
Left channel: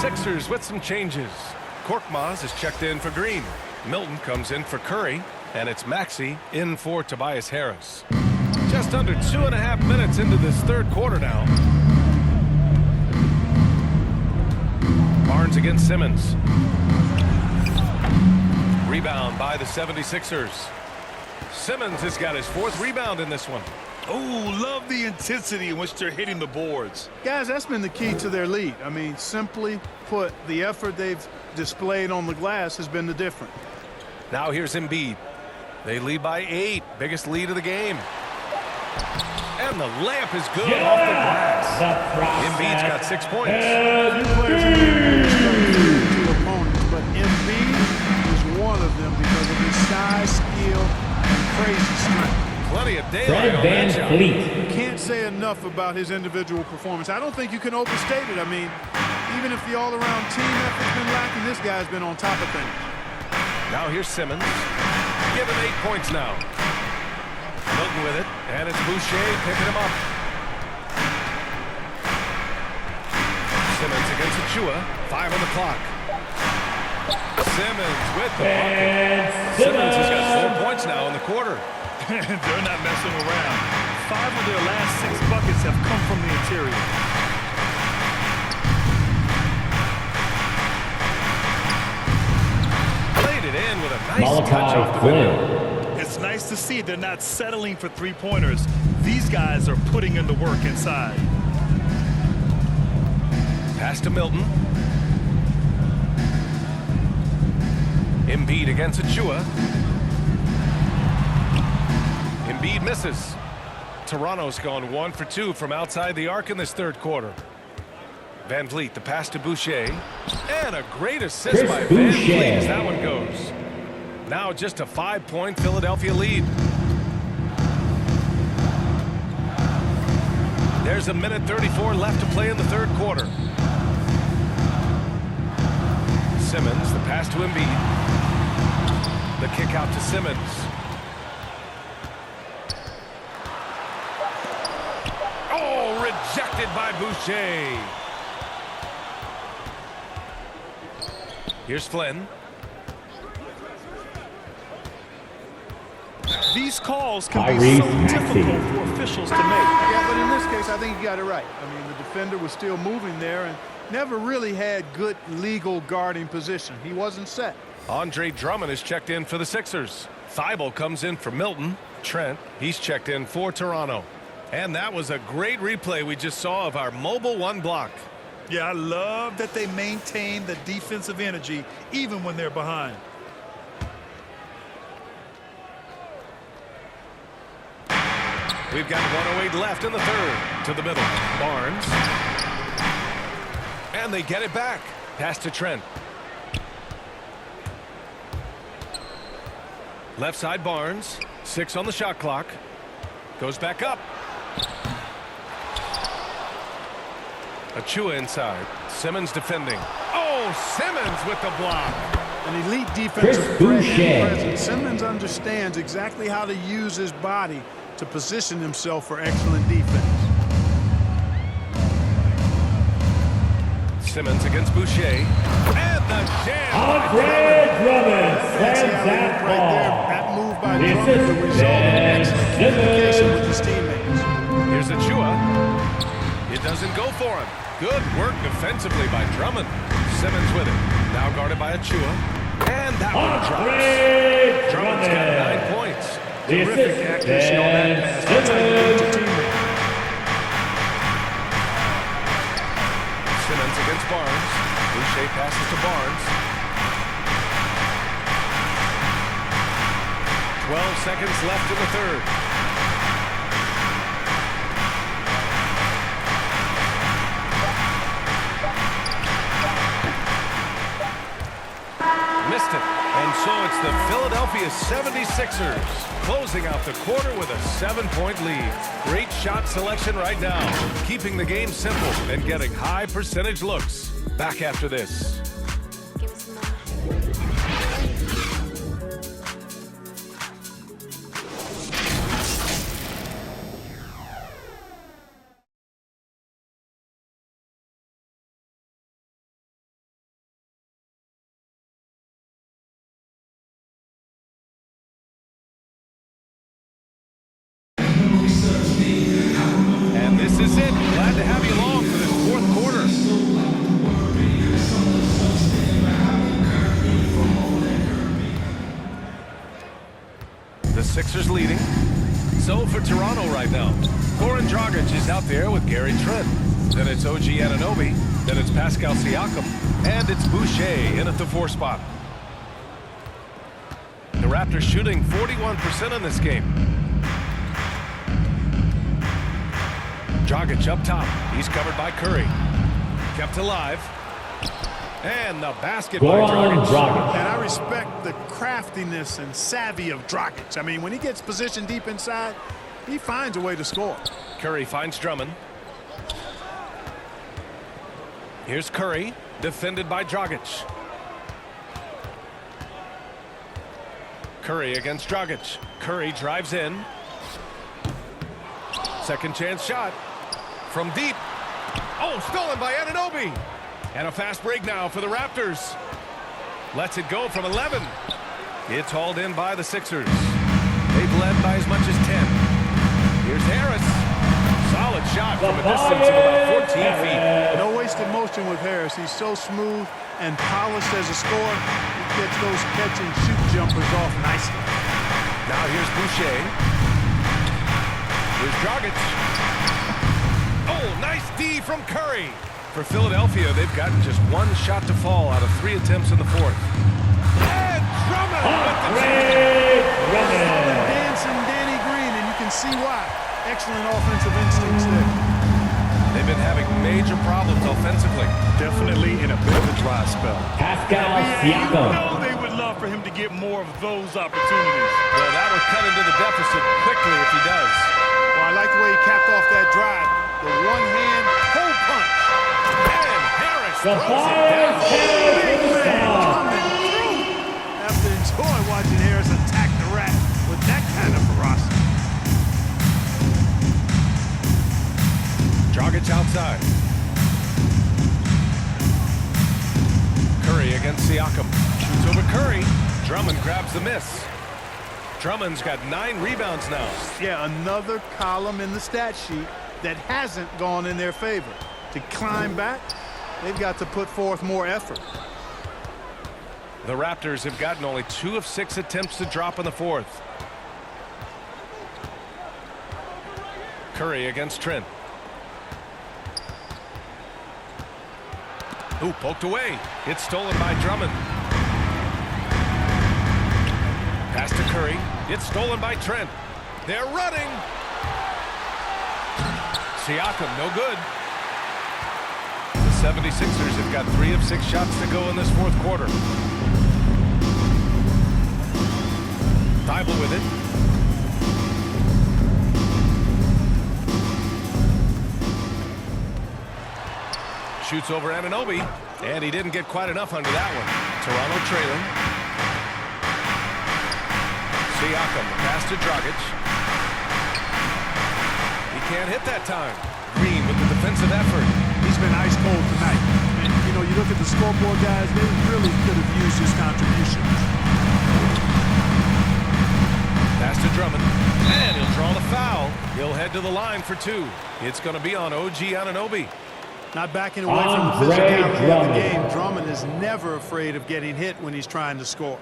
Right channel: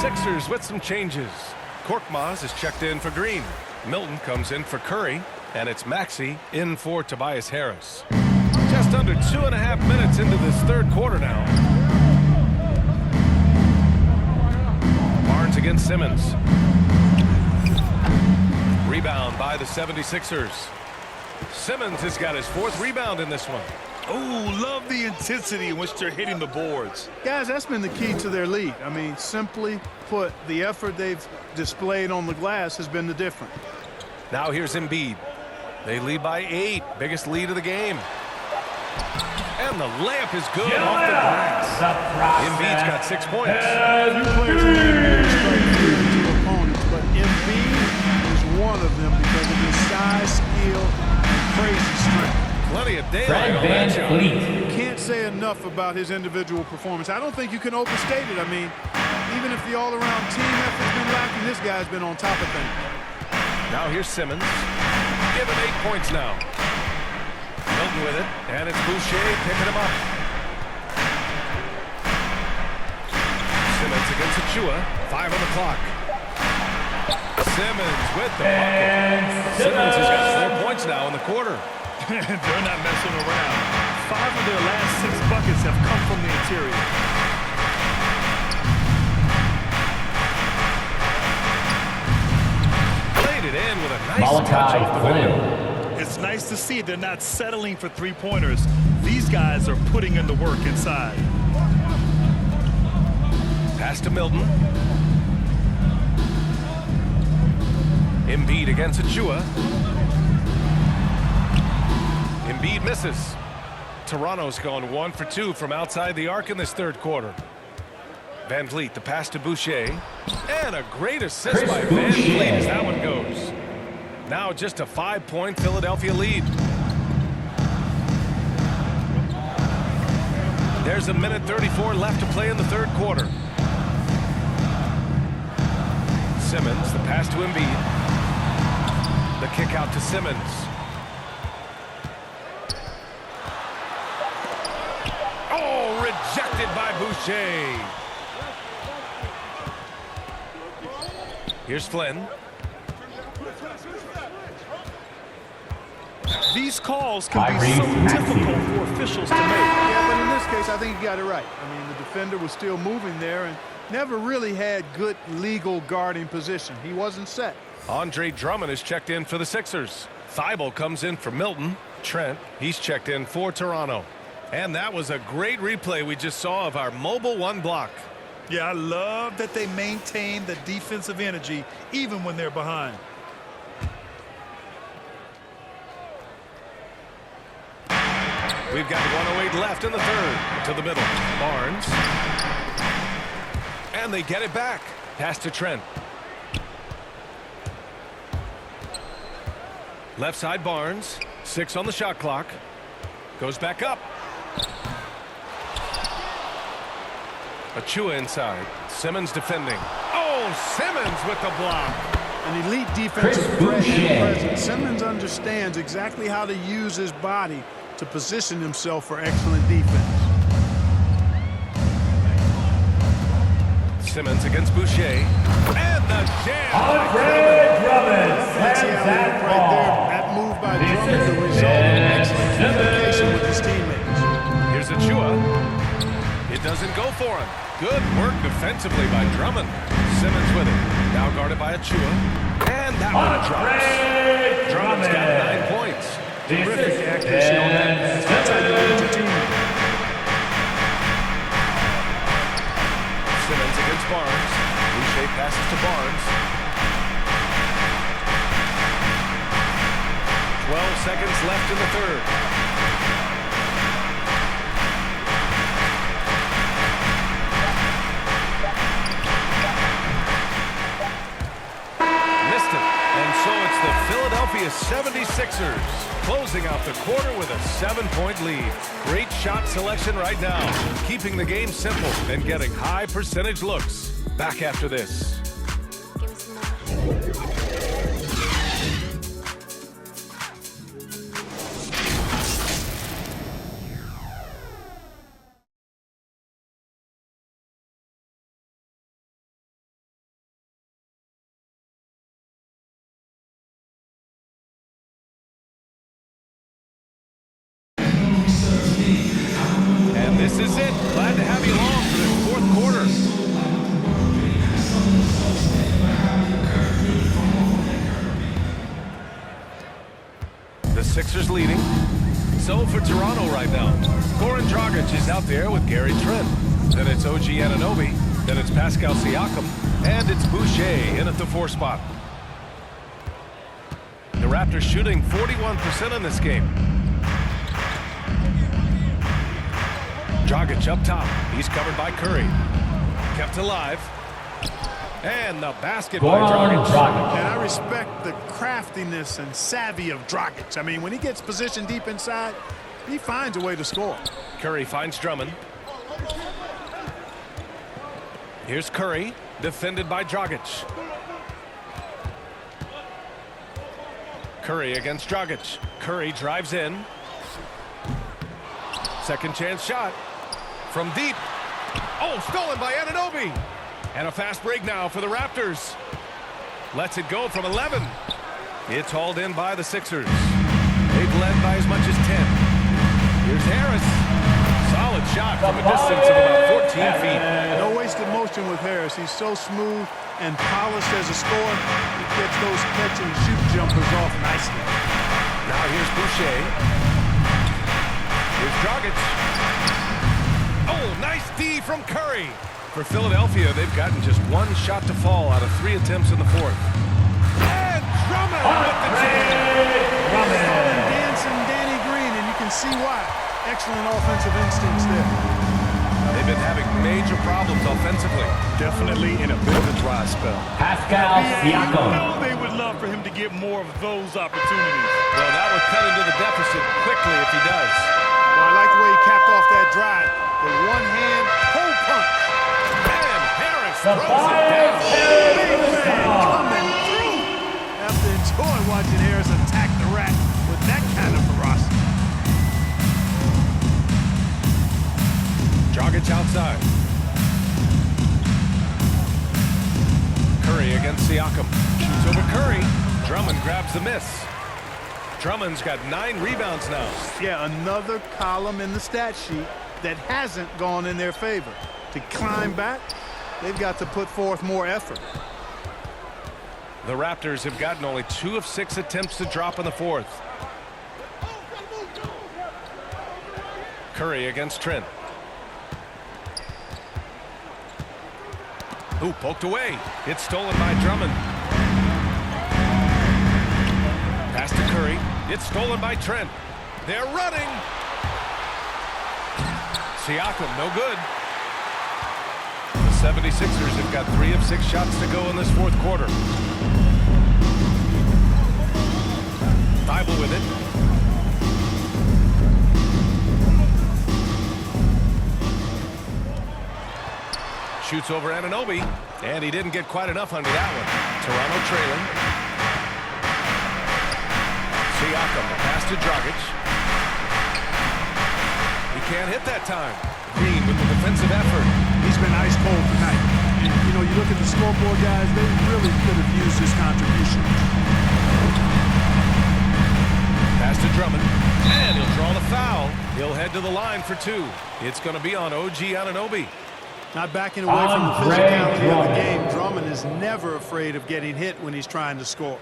Sixers with some changes. Korkmaz is checked in for Green. Milton comes in for Curry. And it's Maxey in for Tobias Harris. Just under 2.5 minutes into this third quarter now. Barnes against Simmons. Rebound by the 76ers. Simmons has got his 4th rebound in this one. Oh, love the intensity in which they're hitting the boards. Guys, that's been the key to their lead. I mean, simply put, the effort they've displayed on the glass has been the difference. Now here's Embiid. They lead by 8. Biggest lead of the game. And the layup is good off the glass. Embiid's got 6 points. Few players in the NBA strike fear to opponents, but Embiid is one of them because of his size, skill, and crazy strength. Plenty of daylight on that shot. You can't say enough about his individual performance. I don't think you can overstate it. I mean, even if the all-around team effort's been lacking, this guy's been on top of things. Now here's Simmons. Give him 8 points now. Milton with it, and it's Boucher picking him up. Simmons against Achua. 5 on the clock. Simmons with the bucket. Simmons has got 4 points now in the quarter. They're not messing around. 5 of their last 6 buckets have come from the interior. Played it in with a nice touch off the window. It's nice to see they're not settling for 3-pointers. These guys are putting in the work inside. Pass to Milton. Embiid against Achua. Embiid misses. Toronto's gone 1 for 2 from outside the arc in this third quarter. Van Vliet, the pass to Boucher. And a great assist by Van Vliet as that one goes. Now just a 5-point Philadelphia lead. There's a minute 34 left to play in the third quarter. Simmons, the pass to Embiid. The kick out to Simmons. Oh, rejected by Boucher. Here's Flynn. These calls can be so difficult for officials to make. Yeah, but in this case, I think he got it right. I mean, the defender was still moving there and never really had good legal guarding position. He wasn't set. Andre Drummond is checked in for the Sixers. Thibault comes in for Milton. Trent, he's checked in for Toronto. And that was a great replay we just saw of our mobile one block. Yeah, I love that they maintain the defensive energy even when they're behind. We've got 1:08 left in the third. To the middle. Barnes. And they get it back. Pass to Trent. Left side Barnes. 6 on the shot clock. Goes back up. Achua inside. Simmons defending. Oh, Simmons with the block. An elite defensive threat and presence. Simmons understands exactly how to use his body to position himself for excellent defense. Simmons against Boucher. And the jam by Drummond. That fancy alley-oop right there. That move by Drummond, the result of excellent communication with his teammates. Here's Achua. It doesn't go for him. Good work defensively by Drummond. Simmons with it. Now guarded by Achua. And that one drops. Drummond's got 9 points. Terrific accuracy on that pass. That's how you lead your teammate. Simmons against Barnes. Boucher passes to Barnes. 12 seconds left in the third. Missed it. And so it's the Philadelphia 76ers closing out the quarter with a 7-point lead. Great shot selection right now, keeping the game simple and getting high percentage looks. Back after this. Give me some more. And this is it. Glad to have you along for this fourth quarter. The Sixers leading. So for Toronto right now, Goran Dragic is out there with Gary Trent. Then it's OG Anunoby. Then it's Pascal Siakam. And it's Boucher in at the 4 spot. The Raptors shooting 41% in this game. Dragic up top. He's covered by Curry. Kept alive. And the basket by Dragic. And I respect the craftiness and savvy of Dragic. I mean, when he gets positioned deep inside, he finds a way to score. Curry finds Drummond. Here's Curry, defended by Dragic. Curry against Dragic. Curry drives in. Second chance shot. From deep. Oh, stolen by Anunoby. And a fast break now for the Raptors. Lets it go from 11. It's hauled in by the Sixers. They've led by as much as 10. Here's Harris. Solid shot from a distance of about 14 feet. No wasted motion with Harris. He's so smooth and polished as a scorer. He gets those catch and shoot jumpers off nicely. Now here's Boucher. Here's Dragic. Oh, nice D from Curry. For Philadelphia, they've gotten just 1 shot to fall out of 3 attempts in the fourth. And Drummond with the jam. Call him Dancing Danny Green, and you can see why. Excellent offensive instincts there. They've been having major problems offensively. Definitely in a bit of a dry spell. Pascal You Siakam. know they would love for him to get more of those opportunities. Well, that would cut into the deficit quickly if he does. Well, I like the way he capped off that drive. The one-hand pull punch. And Harris drives, throws it down. Big man coming through. Have to enjoy watching Harris attack the rack with that kind of ferocity. Dragic outside. Curry against Siakam. Shoots over Curry. Drummond grabs the miss. Drummond's got 9 rebounds now. Yeah, another column in the stat sheet that hasn't gone in their favor. To climb back, they've got to put forth more effort. The Raptors have gotten only 2 of 6 attempts to drop in the fourth. Curry against Trent. Ooh, poked away. It's stolen by Drummond. Pass to Curry. It's stolen by Trent. They're running. Siakam, no good. The 76ers have got 3 of 6 shots to go in this fourth quarter. Thibault with it. Shoots over Anunoby, and he didn't get quite enough under that one. Toronto trailing. Siakam, the pass to Dragic. He can't hit that time. Green with the defensive effort. He's been ice cold tonight. And, you know, you look at the scoreboard, guys, they really could have used his contribution. Pass to Drummond, and he'll draw the foul. He'll head to the line for 2. It's going to be on OG Anunoby. Not backing away from the physicality of the game. Drummond is never afraid of getting hit when he's trying to score.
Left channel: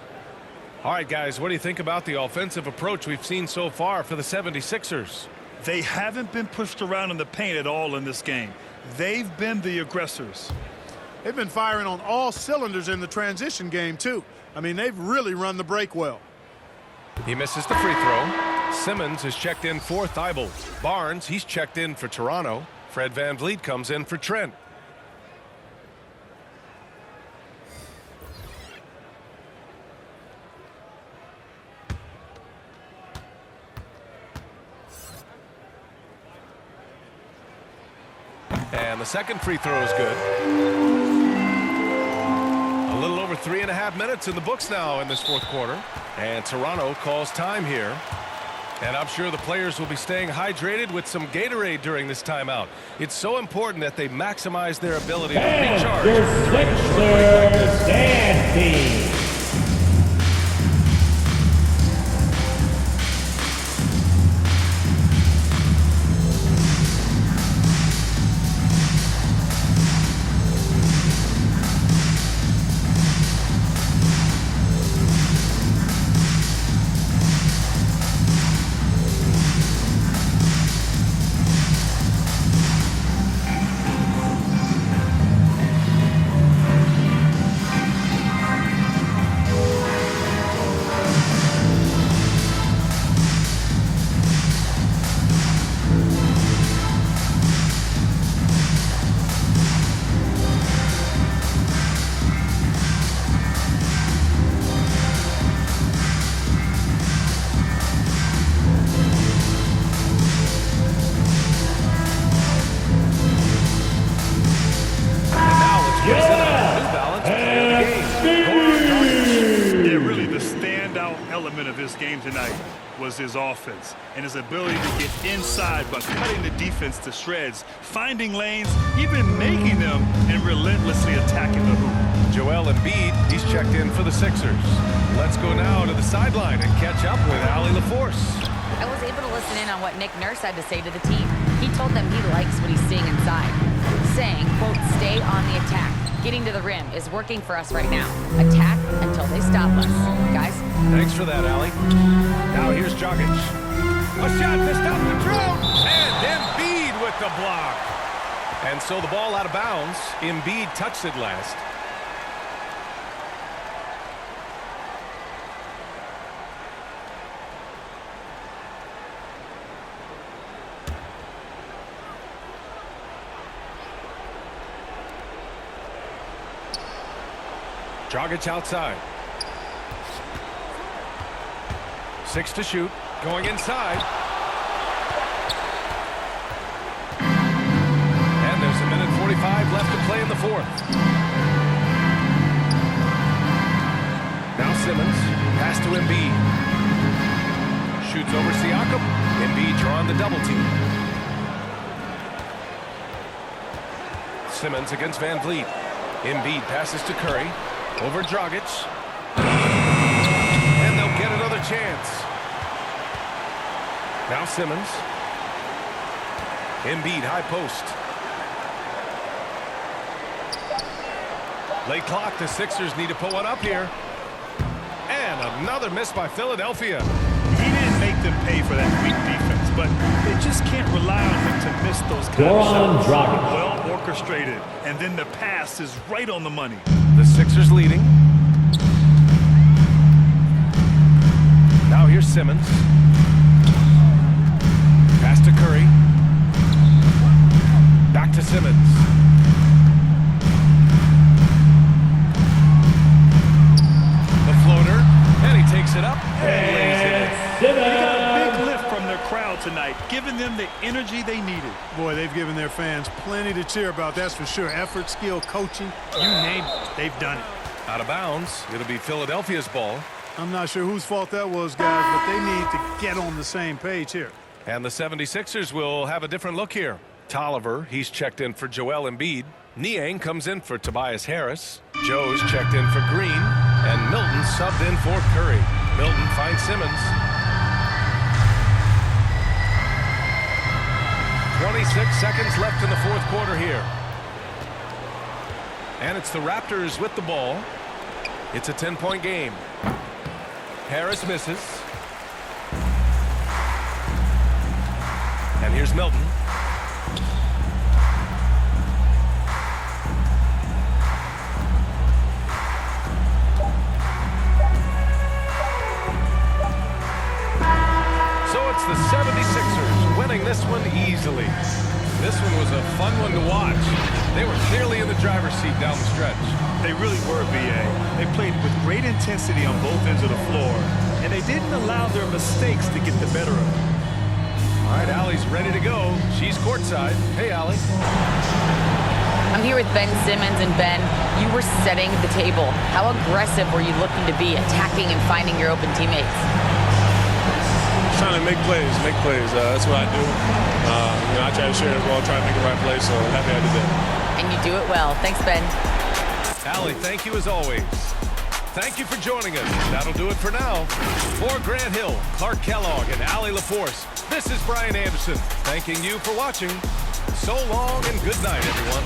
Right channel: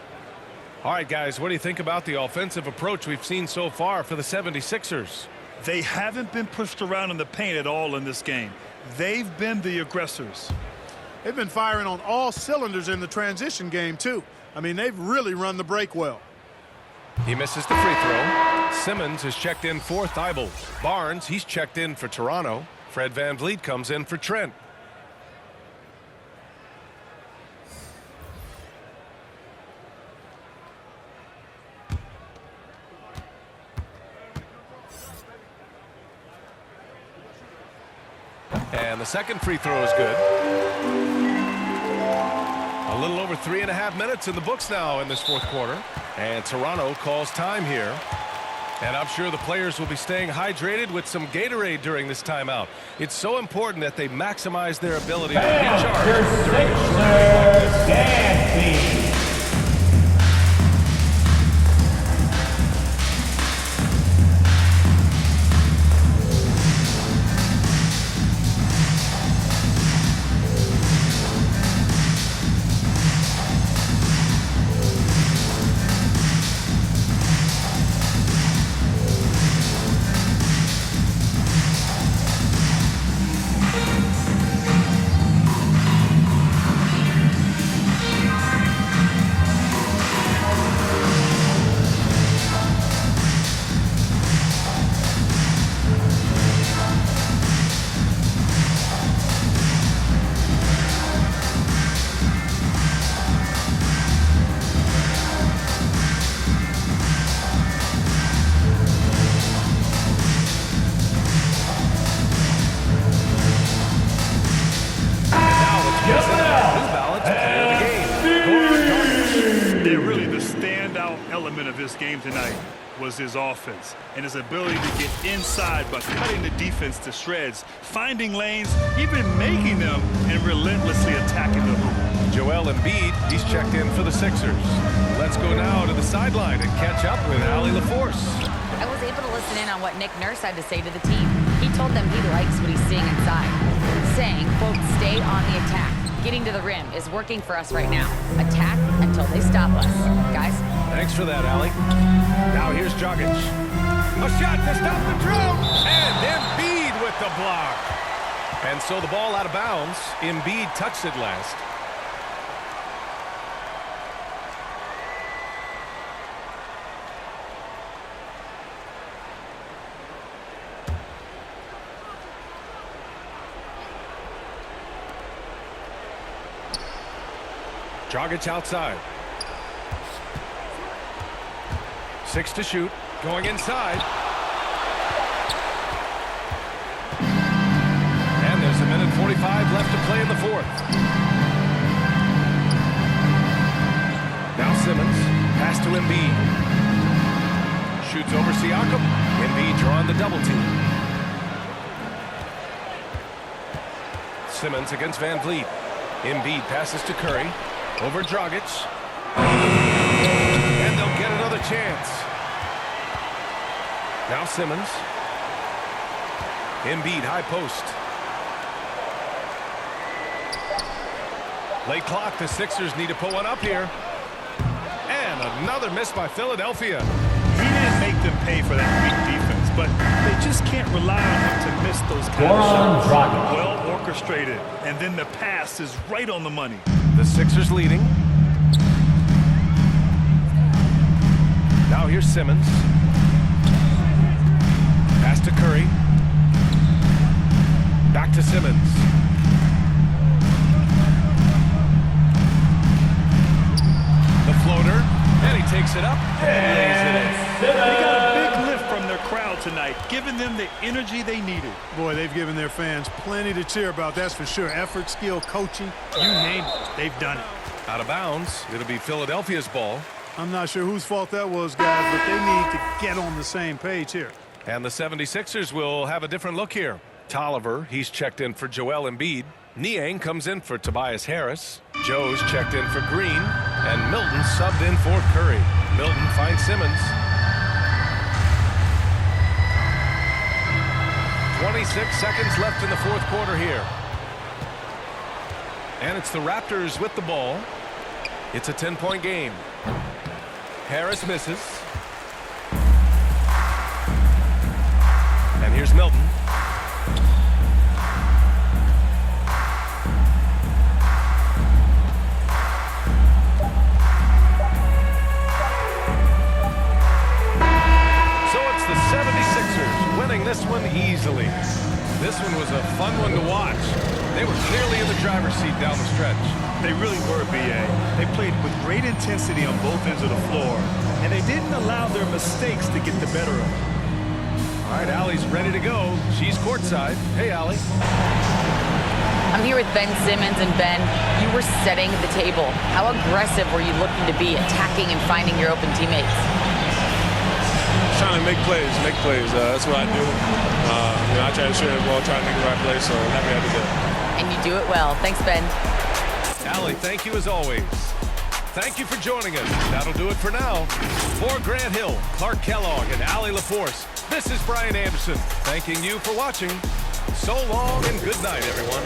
All right, guys, what do you think about the offensive approach we've seen so far for the 76ers? They haven't been pushed around in the paint at all in this game. They've been the aggressors. They've been firing on all cylinders in the transition game, too. I mean, they've really run the break well. He misses the free throw. Simmons has checked in for Thibault. Barnes, he's checked in for Toronto. Fred VanVleet comes in for Trent. And the second free throw is good. A little over 3.5 minutes in the books now in this fourth quarter. And Toronto calls time here. And I'm sure the players will be staying hydrated with some Gatorade during this timeout. It's so important that they maximize their ability to recharge during a short break like this. Element of his game tonight was his offense and his ability to get inside by cutting the defense to shreds, finding lanes, even making them, and relentlessly attacking the hoop. Joel Embiid, he's checked in for the Sixers. Let's go now to the sideline and catch up with Allie LaForce. I was able to listen in on what Nick Nurse had to say to the team. He told them he likes what he's seeing inside, saying, quote, stay on the attack. Getting to the rim is working for us right now. Attack until they stop us. Guys? Thanks for that, Allie. Now here's Dragic. A shot to stop the drought. And Embiid with the block. And so the ball out of bounds. Embiid touched it last. Dragic outside. 6 to shoot. Going inside. And there's There's a minute 45 left to play in the fourth. Now Simmons, pass to Embiid. Shoots over Siakam. Embiid drawing the double team. Simmons against Van Vliet. Embiid passes to Curry. Over Dragic. And they'll get another chance. Now Simmons. Embiid high post. Late clock. The Sixers need to put one up here. And another miss by Philadelphia. He didn't make them pay for that weak defense, but they just can't rely on him to miss those kind of shots. Dragic. Well orchestrated, and then the pass is right on the money. The Sixers leading. Now here's Simmons. Pass to Curry. Back to Simmons. The floater, and he takes it up and lays it in. They got a big lift from their crowd tonight, giving them the energy they needed. Boy, they've given their fans plenty to cheer about, that's for sure. Effort, skill, coaching, you name it, they've done it. Out of bounds. It'll be Philadelphia's ball. I'm not sure whose fault that was, guys, but they need to get on the same page here. And the 76ers will have a different look here. Tolliver, he's checked in for Joel Embiid. Niang comes in for Tobias Harris. Joe's checked in for Green. And Milton subbed in for Curry. Milton finds Simmons. 26 seconds left in the fourth quarter here. And it's the Raptors with the ball. It's a 10-point game. Harris misses. And here's Milton. So it's the 76ers winning this one easily. This one was a fun one to watch. They were clearly in the driver's seat down the stretch. They really were, B.A. They played with great intensity on both ends of the floor, and they didn't allow their mistakes to get the better of them. All right, Allie's ready to go. She's courtside. Hey, Allie. I'm here with Ben Simmons, and Ben, you were setting the table. How aggressive were you looking to be, attacking and finding your open teammates? Trying to make plays. That's what I do. I try to share the ball, try to make the right play, so I'm happy I did that. And you do it well. Thanks, Ben. Allie, thank you as always. Thank you for joining us. That'll do it for now. For Grant Hill, Clark Kellogg, and Allie LaForce, this is Brian Anderson, thanking you for watching. So long and good night, everyone.